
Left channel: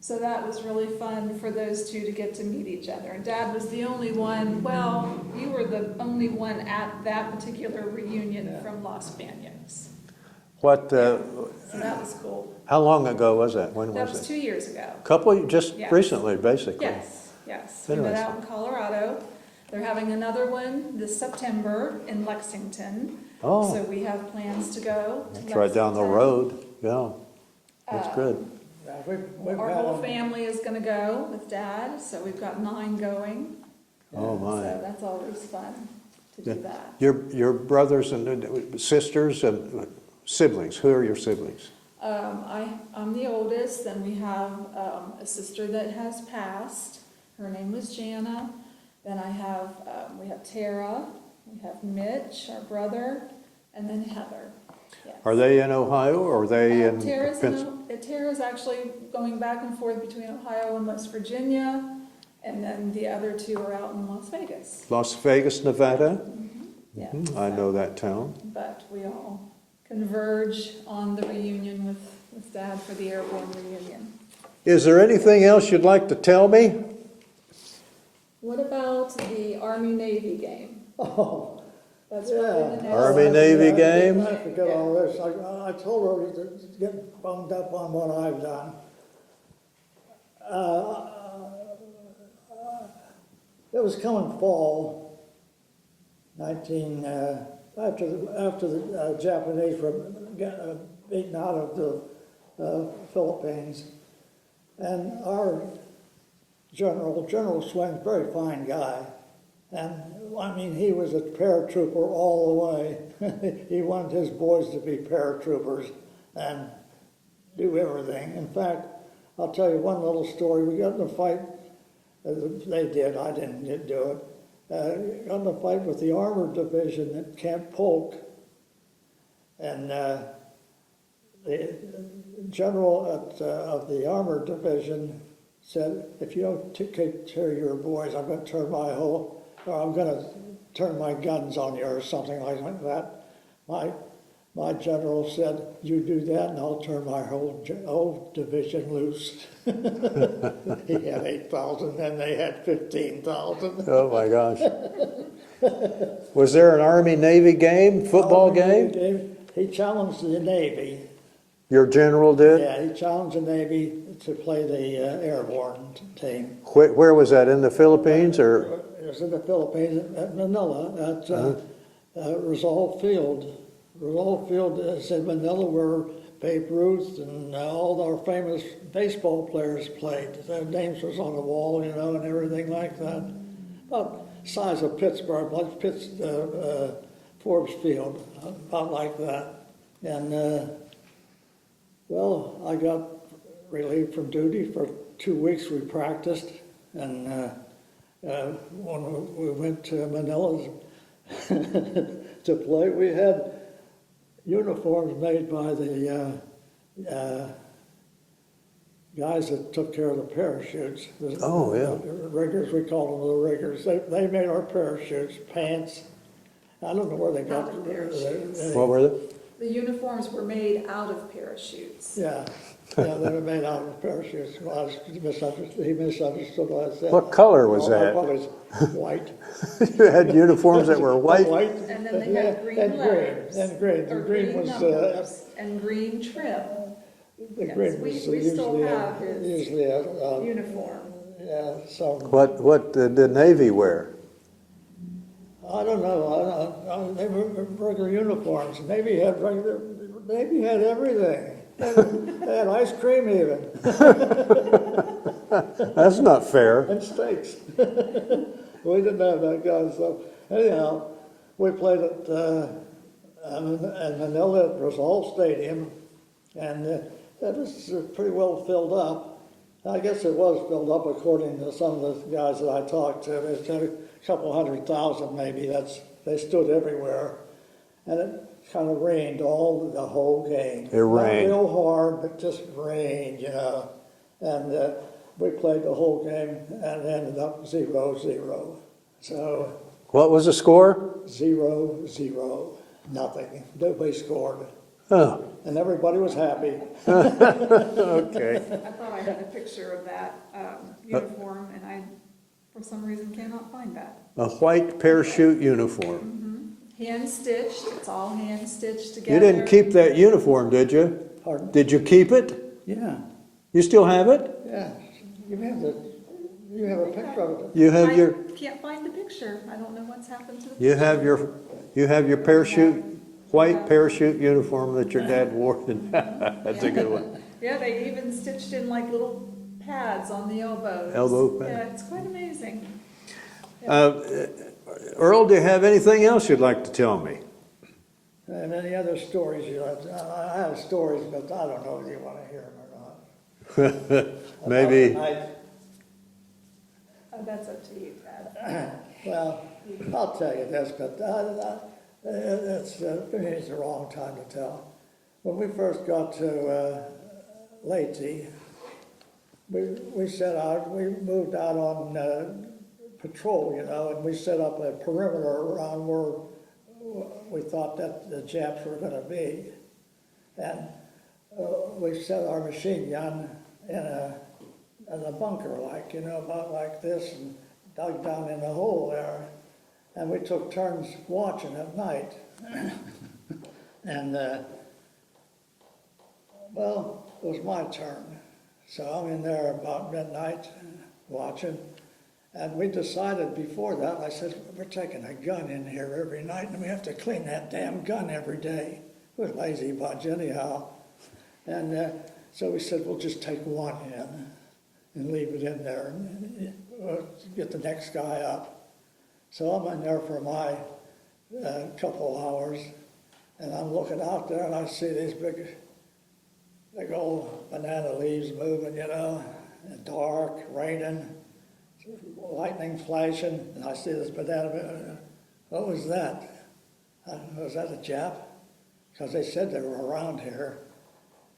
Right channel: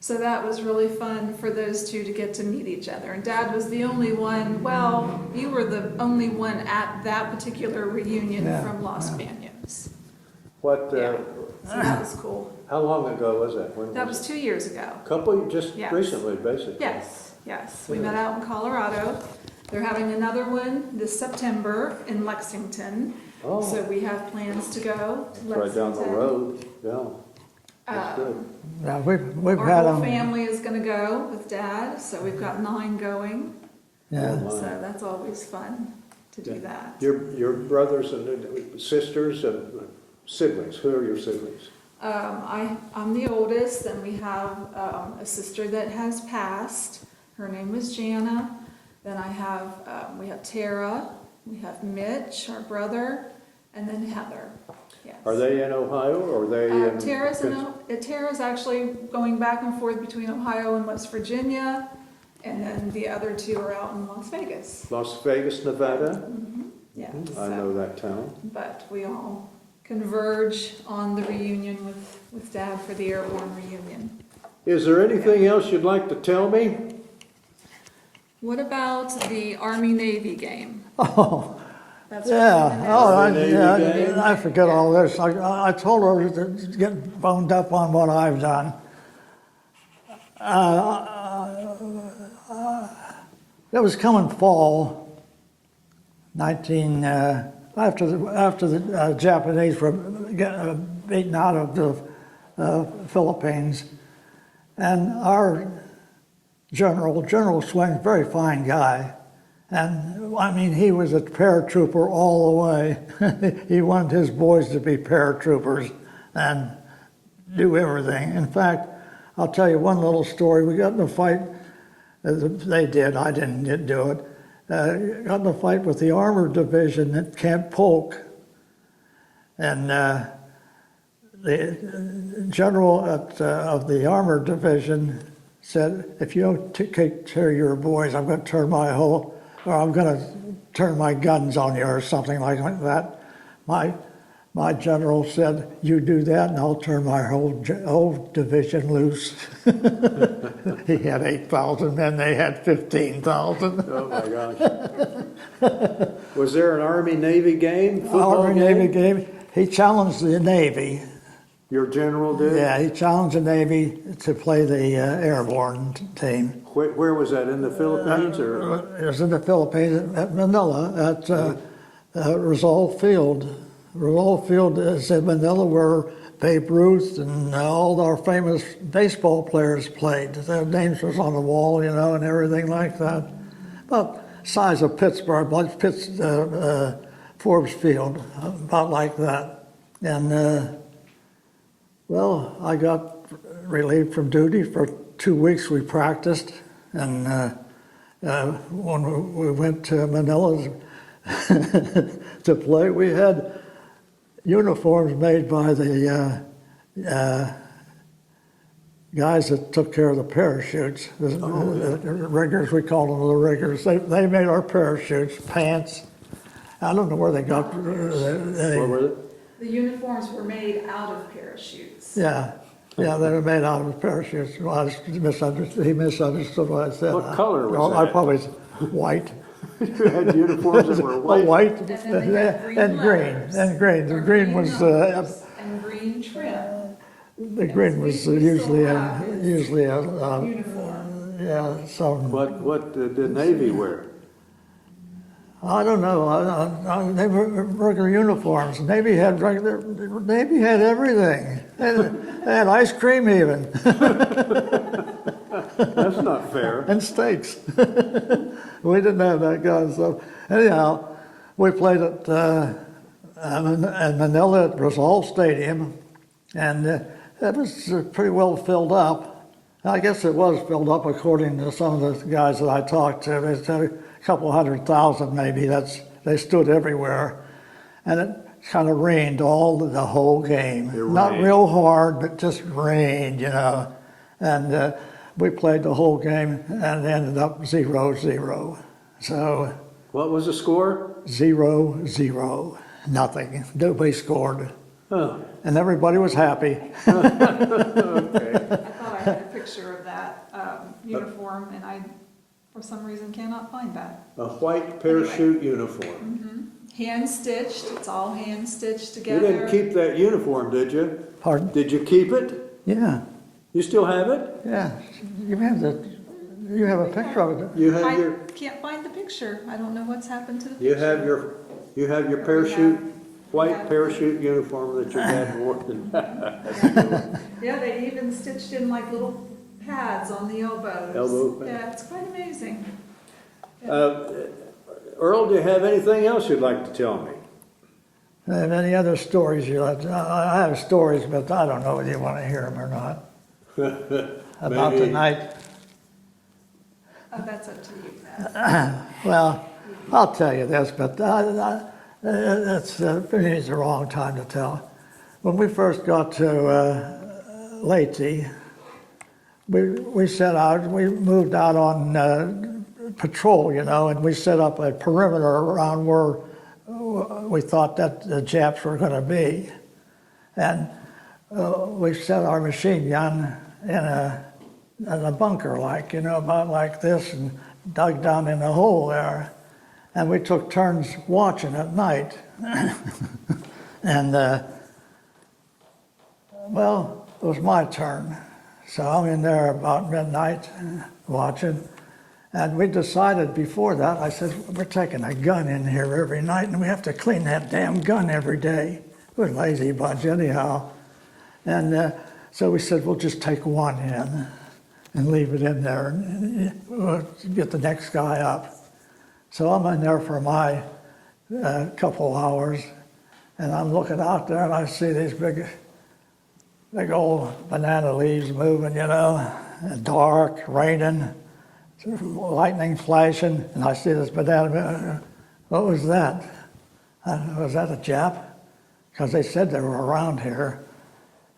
So that was really fun for those two to get to meet each other. And Dad was the only one, well, you were the only one at that particular reunion Yeah. from Los Baños. What, So that was cool. how long ago was that? When That was was it? 2 years ago. Just Yes. recently, basically. Yes. We met out in Colorado. They're having another one this September in Lexington. Oh, So we have plans to go. to it's right down the Lexington. road. Yeah, that's good. Yeah, we've Our had whole them. family is gonna go with Dad, so we've got 9 going. Yeah. Oh, So my. that's always fun to do that. Your brothers and sisters and siblings, who are your siblings? I'm the oldest, and we have a sister that has passed. Her name was Jana. Then we have Tara, we have Mitch, our brother, and then Heather. Yes. Are they in Ohio or are they in? Tara's actually going back and forth between Ohio and West Virginia, and then the other two are out in Las Vegas. Las Vegas, Nevada? Yeah, I know that town. But we all converge on the reunion with Dad for the Airborne reunion. Is there anything else you'd like to tell me? What about the Army-Navy game? Oh, That's Yeah, what it is. Army-Navy game? I forget all this. I told her to get boned up on what I've done. It was coming fall, after the Japanese were beaten out of the Philippines, and our General Swing, very fine guy, and I mean he was a paratrooper all the way. He wanted his boys to be paratroopers and do everything. In fact, I'll tell you one little story. We got in a fight. They did. I didn't do it. Got in a fight with the Armored Division at Camp Polk, and the general of the Armored Division said, "If you don't take care of your boys, I'm going to turn I'm going to turn my guns on you," or something like that. My general said, "You do that, and I'll turn my whole division loose." He had 8,000 men, they had 15,000. Oh my gosh. Was there an Army-Navy game, football Army-Navy game? game. He challenged the Navy. Your general did? Yeah, he challenged the Navy to play the Airborne team. Where was that, in the Philippines or? It was in the Philippines, at Manila, at Resolve Field. Resolve Field is in Manila, where Babe Ruth and all our famous baseball players played. Their names was on the wall, you know, and everything like that. About size of Pittsburgh, like Forbes Field, about like that. And well, I got relieved from duty. For 2 weeks we practiced, and when we went to Manila to play, we had uniforms made by the guys that took care of the parachutes. Oh, yeah. The riggers, we called them the riggers. They made our parachutes, pants. I don't know where they got. What were they? The uniforms were made out of parachutes. Yeah, they were made out of parachutes. Well, he misunderstood what I said. What color was I that? probably white. You had uniforms that were white? White And then they had green and green, letters. and green. The Or green was, numbers and green trim. the green was we usually, still have his usually a, uniform. yeah, some, What did the Navy wear? I don't know, they were regular uniforms. Navy had everything. They had ice cream even, That's not fair. and steaks. We didn't have that, guys, so anyhow, we played at Manila at Resolve Stadium, and it was pretty well filled up. I guess it was filled up according to some of the guys that I talked to. They said a couple 100,000 maybe. They stood everywhere, and it kind of rained the whole game. It Not rained. real hard, but just rained, you know. And we played the whole game, and it ended up 0-0. So What was the score? 0-0, nothing. Nobody scored, Oh, and everybody was happy. okay. I thought I had a picture of that uniform, and I, for some reason, cannot find that. A white parachute uniform. Hand stitched, it's all hand stitched You together. didn't keep that uniform, did you? Pardon? Did you keep it? Yeah, You still have it? yeah. You have a picture of it. You have your, I can't find the picture. I don't know what's happened to the you picture. have your parachute, white parachute uniform that your dad wore. That's a good one. Yeah, they even stitched in like little pads on the elbows. Elbow pad. Yeah, it's quite amazing. Earl, do you have anything else you'd like to tell me? And any other stories you like? I have stories, but I don't know whether you want to hear them or not. About Maybe. tonight. That's up to you. Well, I'll tell you this, but that's for me, it's the wrong time to tell. When we first got to Leyte, we set out. We moved out on patrol, you know, and we set up a perimeter around where we thought that the Japs were going to be, and we set our machine gun in a bunker, like, you know, about like this, and dug down in a hole there. and we took turns watching at night. And, well, it was my turn. So I'm in there about midnight watching. And we decided before that, I said, we're taking a gun in here every night and we have to clean that damn gun every day. We're a lazy bunch anyhow. And so we said, we'll just take one in and leave it in there and we'll get the next guy up. So I'm in there for my couple hours and I'm looking out there and I see these big old banana leaves moving, you know, and dark, raining, lightning flashing, and I see this banana. What was that? Was that a Jap? Because they said they were around here.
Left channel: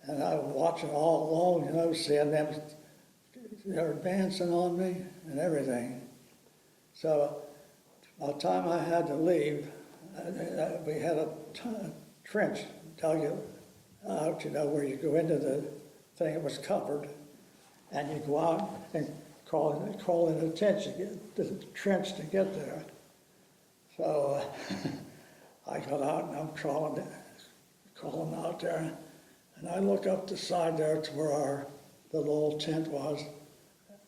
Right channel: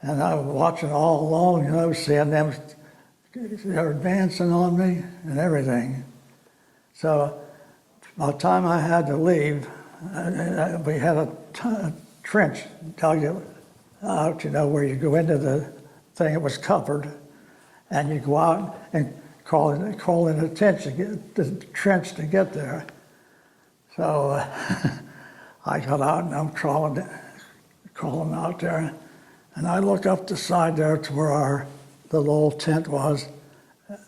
And I was watching all along, you know, seeing them, they were dancing on me and everything. So by the time I had to leave, we had a trench, tell you out, you know, where you go into the thing, it was covered, and you go out and call in a tent to get the trench to get there. So I got out and I'm crawling out there, and I look up the side there to where the little tent was,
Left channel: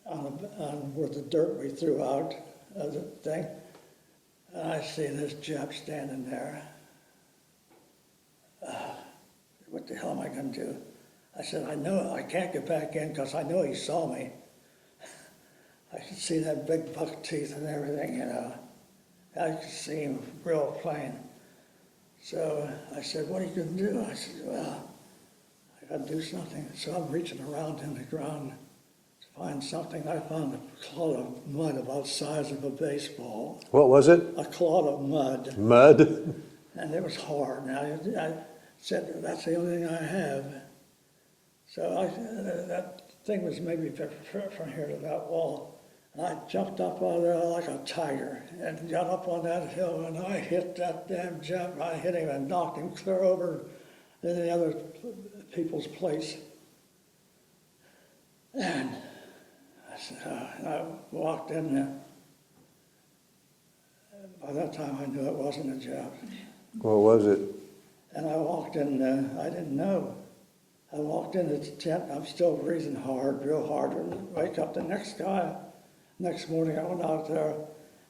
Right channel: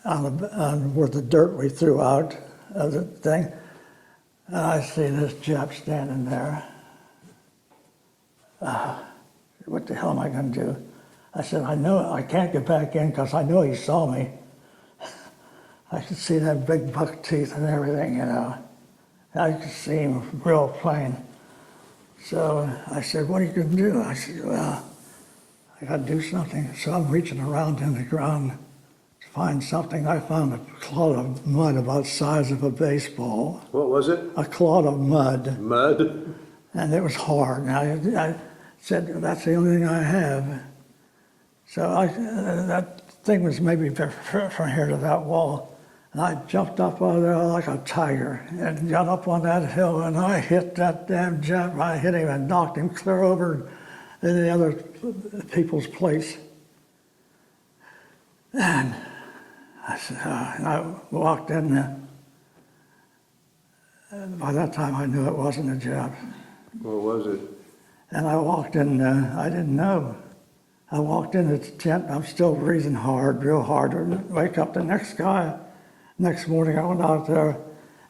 on where the dirt we threw out of the thing, and I see this Jap standing there. What the hell am I going to do? I said, I know I can't get back in because I know he saw me. I could see that big buck teeth and everything, you know. I could see him real plain. So I said, what are you going to do? I said, well, I got to do something. So I'm reaching around in the ground to find something. I found a clod of mud about the size of a baseball. What was it? A clod of mud. Mud? And it was hard. And I said, that's the only thing I have. So that thing was maybe from here to that wall. And I jumped up out of there like a tiger and got up on that hill and I hit that damn Jap. I hit him and knocked him clear over in the other people's place. And I said, and I walked in there. And by that time I knew it wasn't a Jap. What was it? And I walked in, I didn't know. I walked into the tent, I'm still breathing hard, real hard. Wake up the next guy. Next morning I went out there,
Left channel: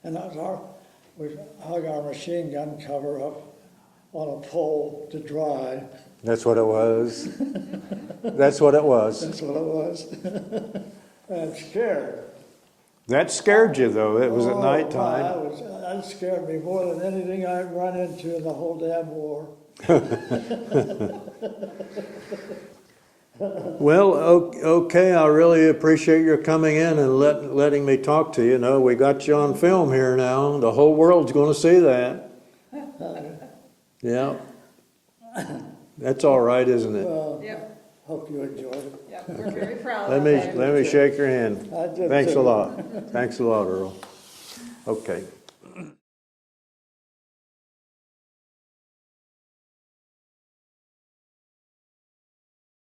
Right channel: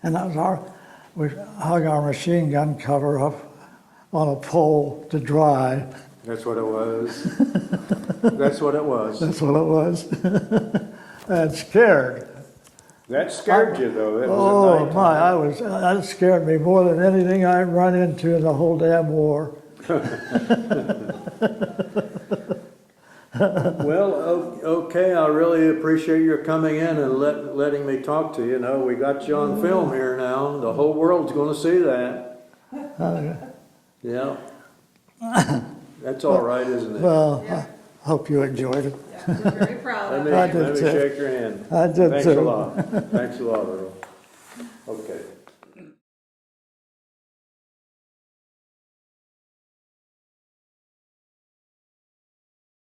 and that was we hung our machine gun cover up on a pole to dry. That's what it was. That's what it was. That's what it was. And scared. That scared you, though. That was Oh at night. my, that scared me more than anything I'd run into in the whole damn war. Well, okay, I really appreciate your coming in and letting me talk to you. You know, we got you on film here now. The whole world's going to see that. Yeah. That's all right, isn't it? Well, Yeah. I hope you enjoyed it. Yeah, we're very proud Let of me, it. I did let me too. shake your hand. I did Thanks too. a lot. Thanks a lot, Earl. Okay.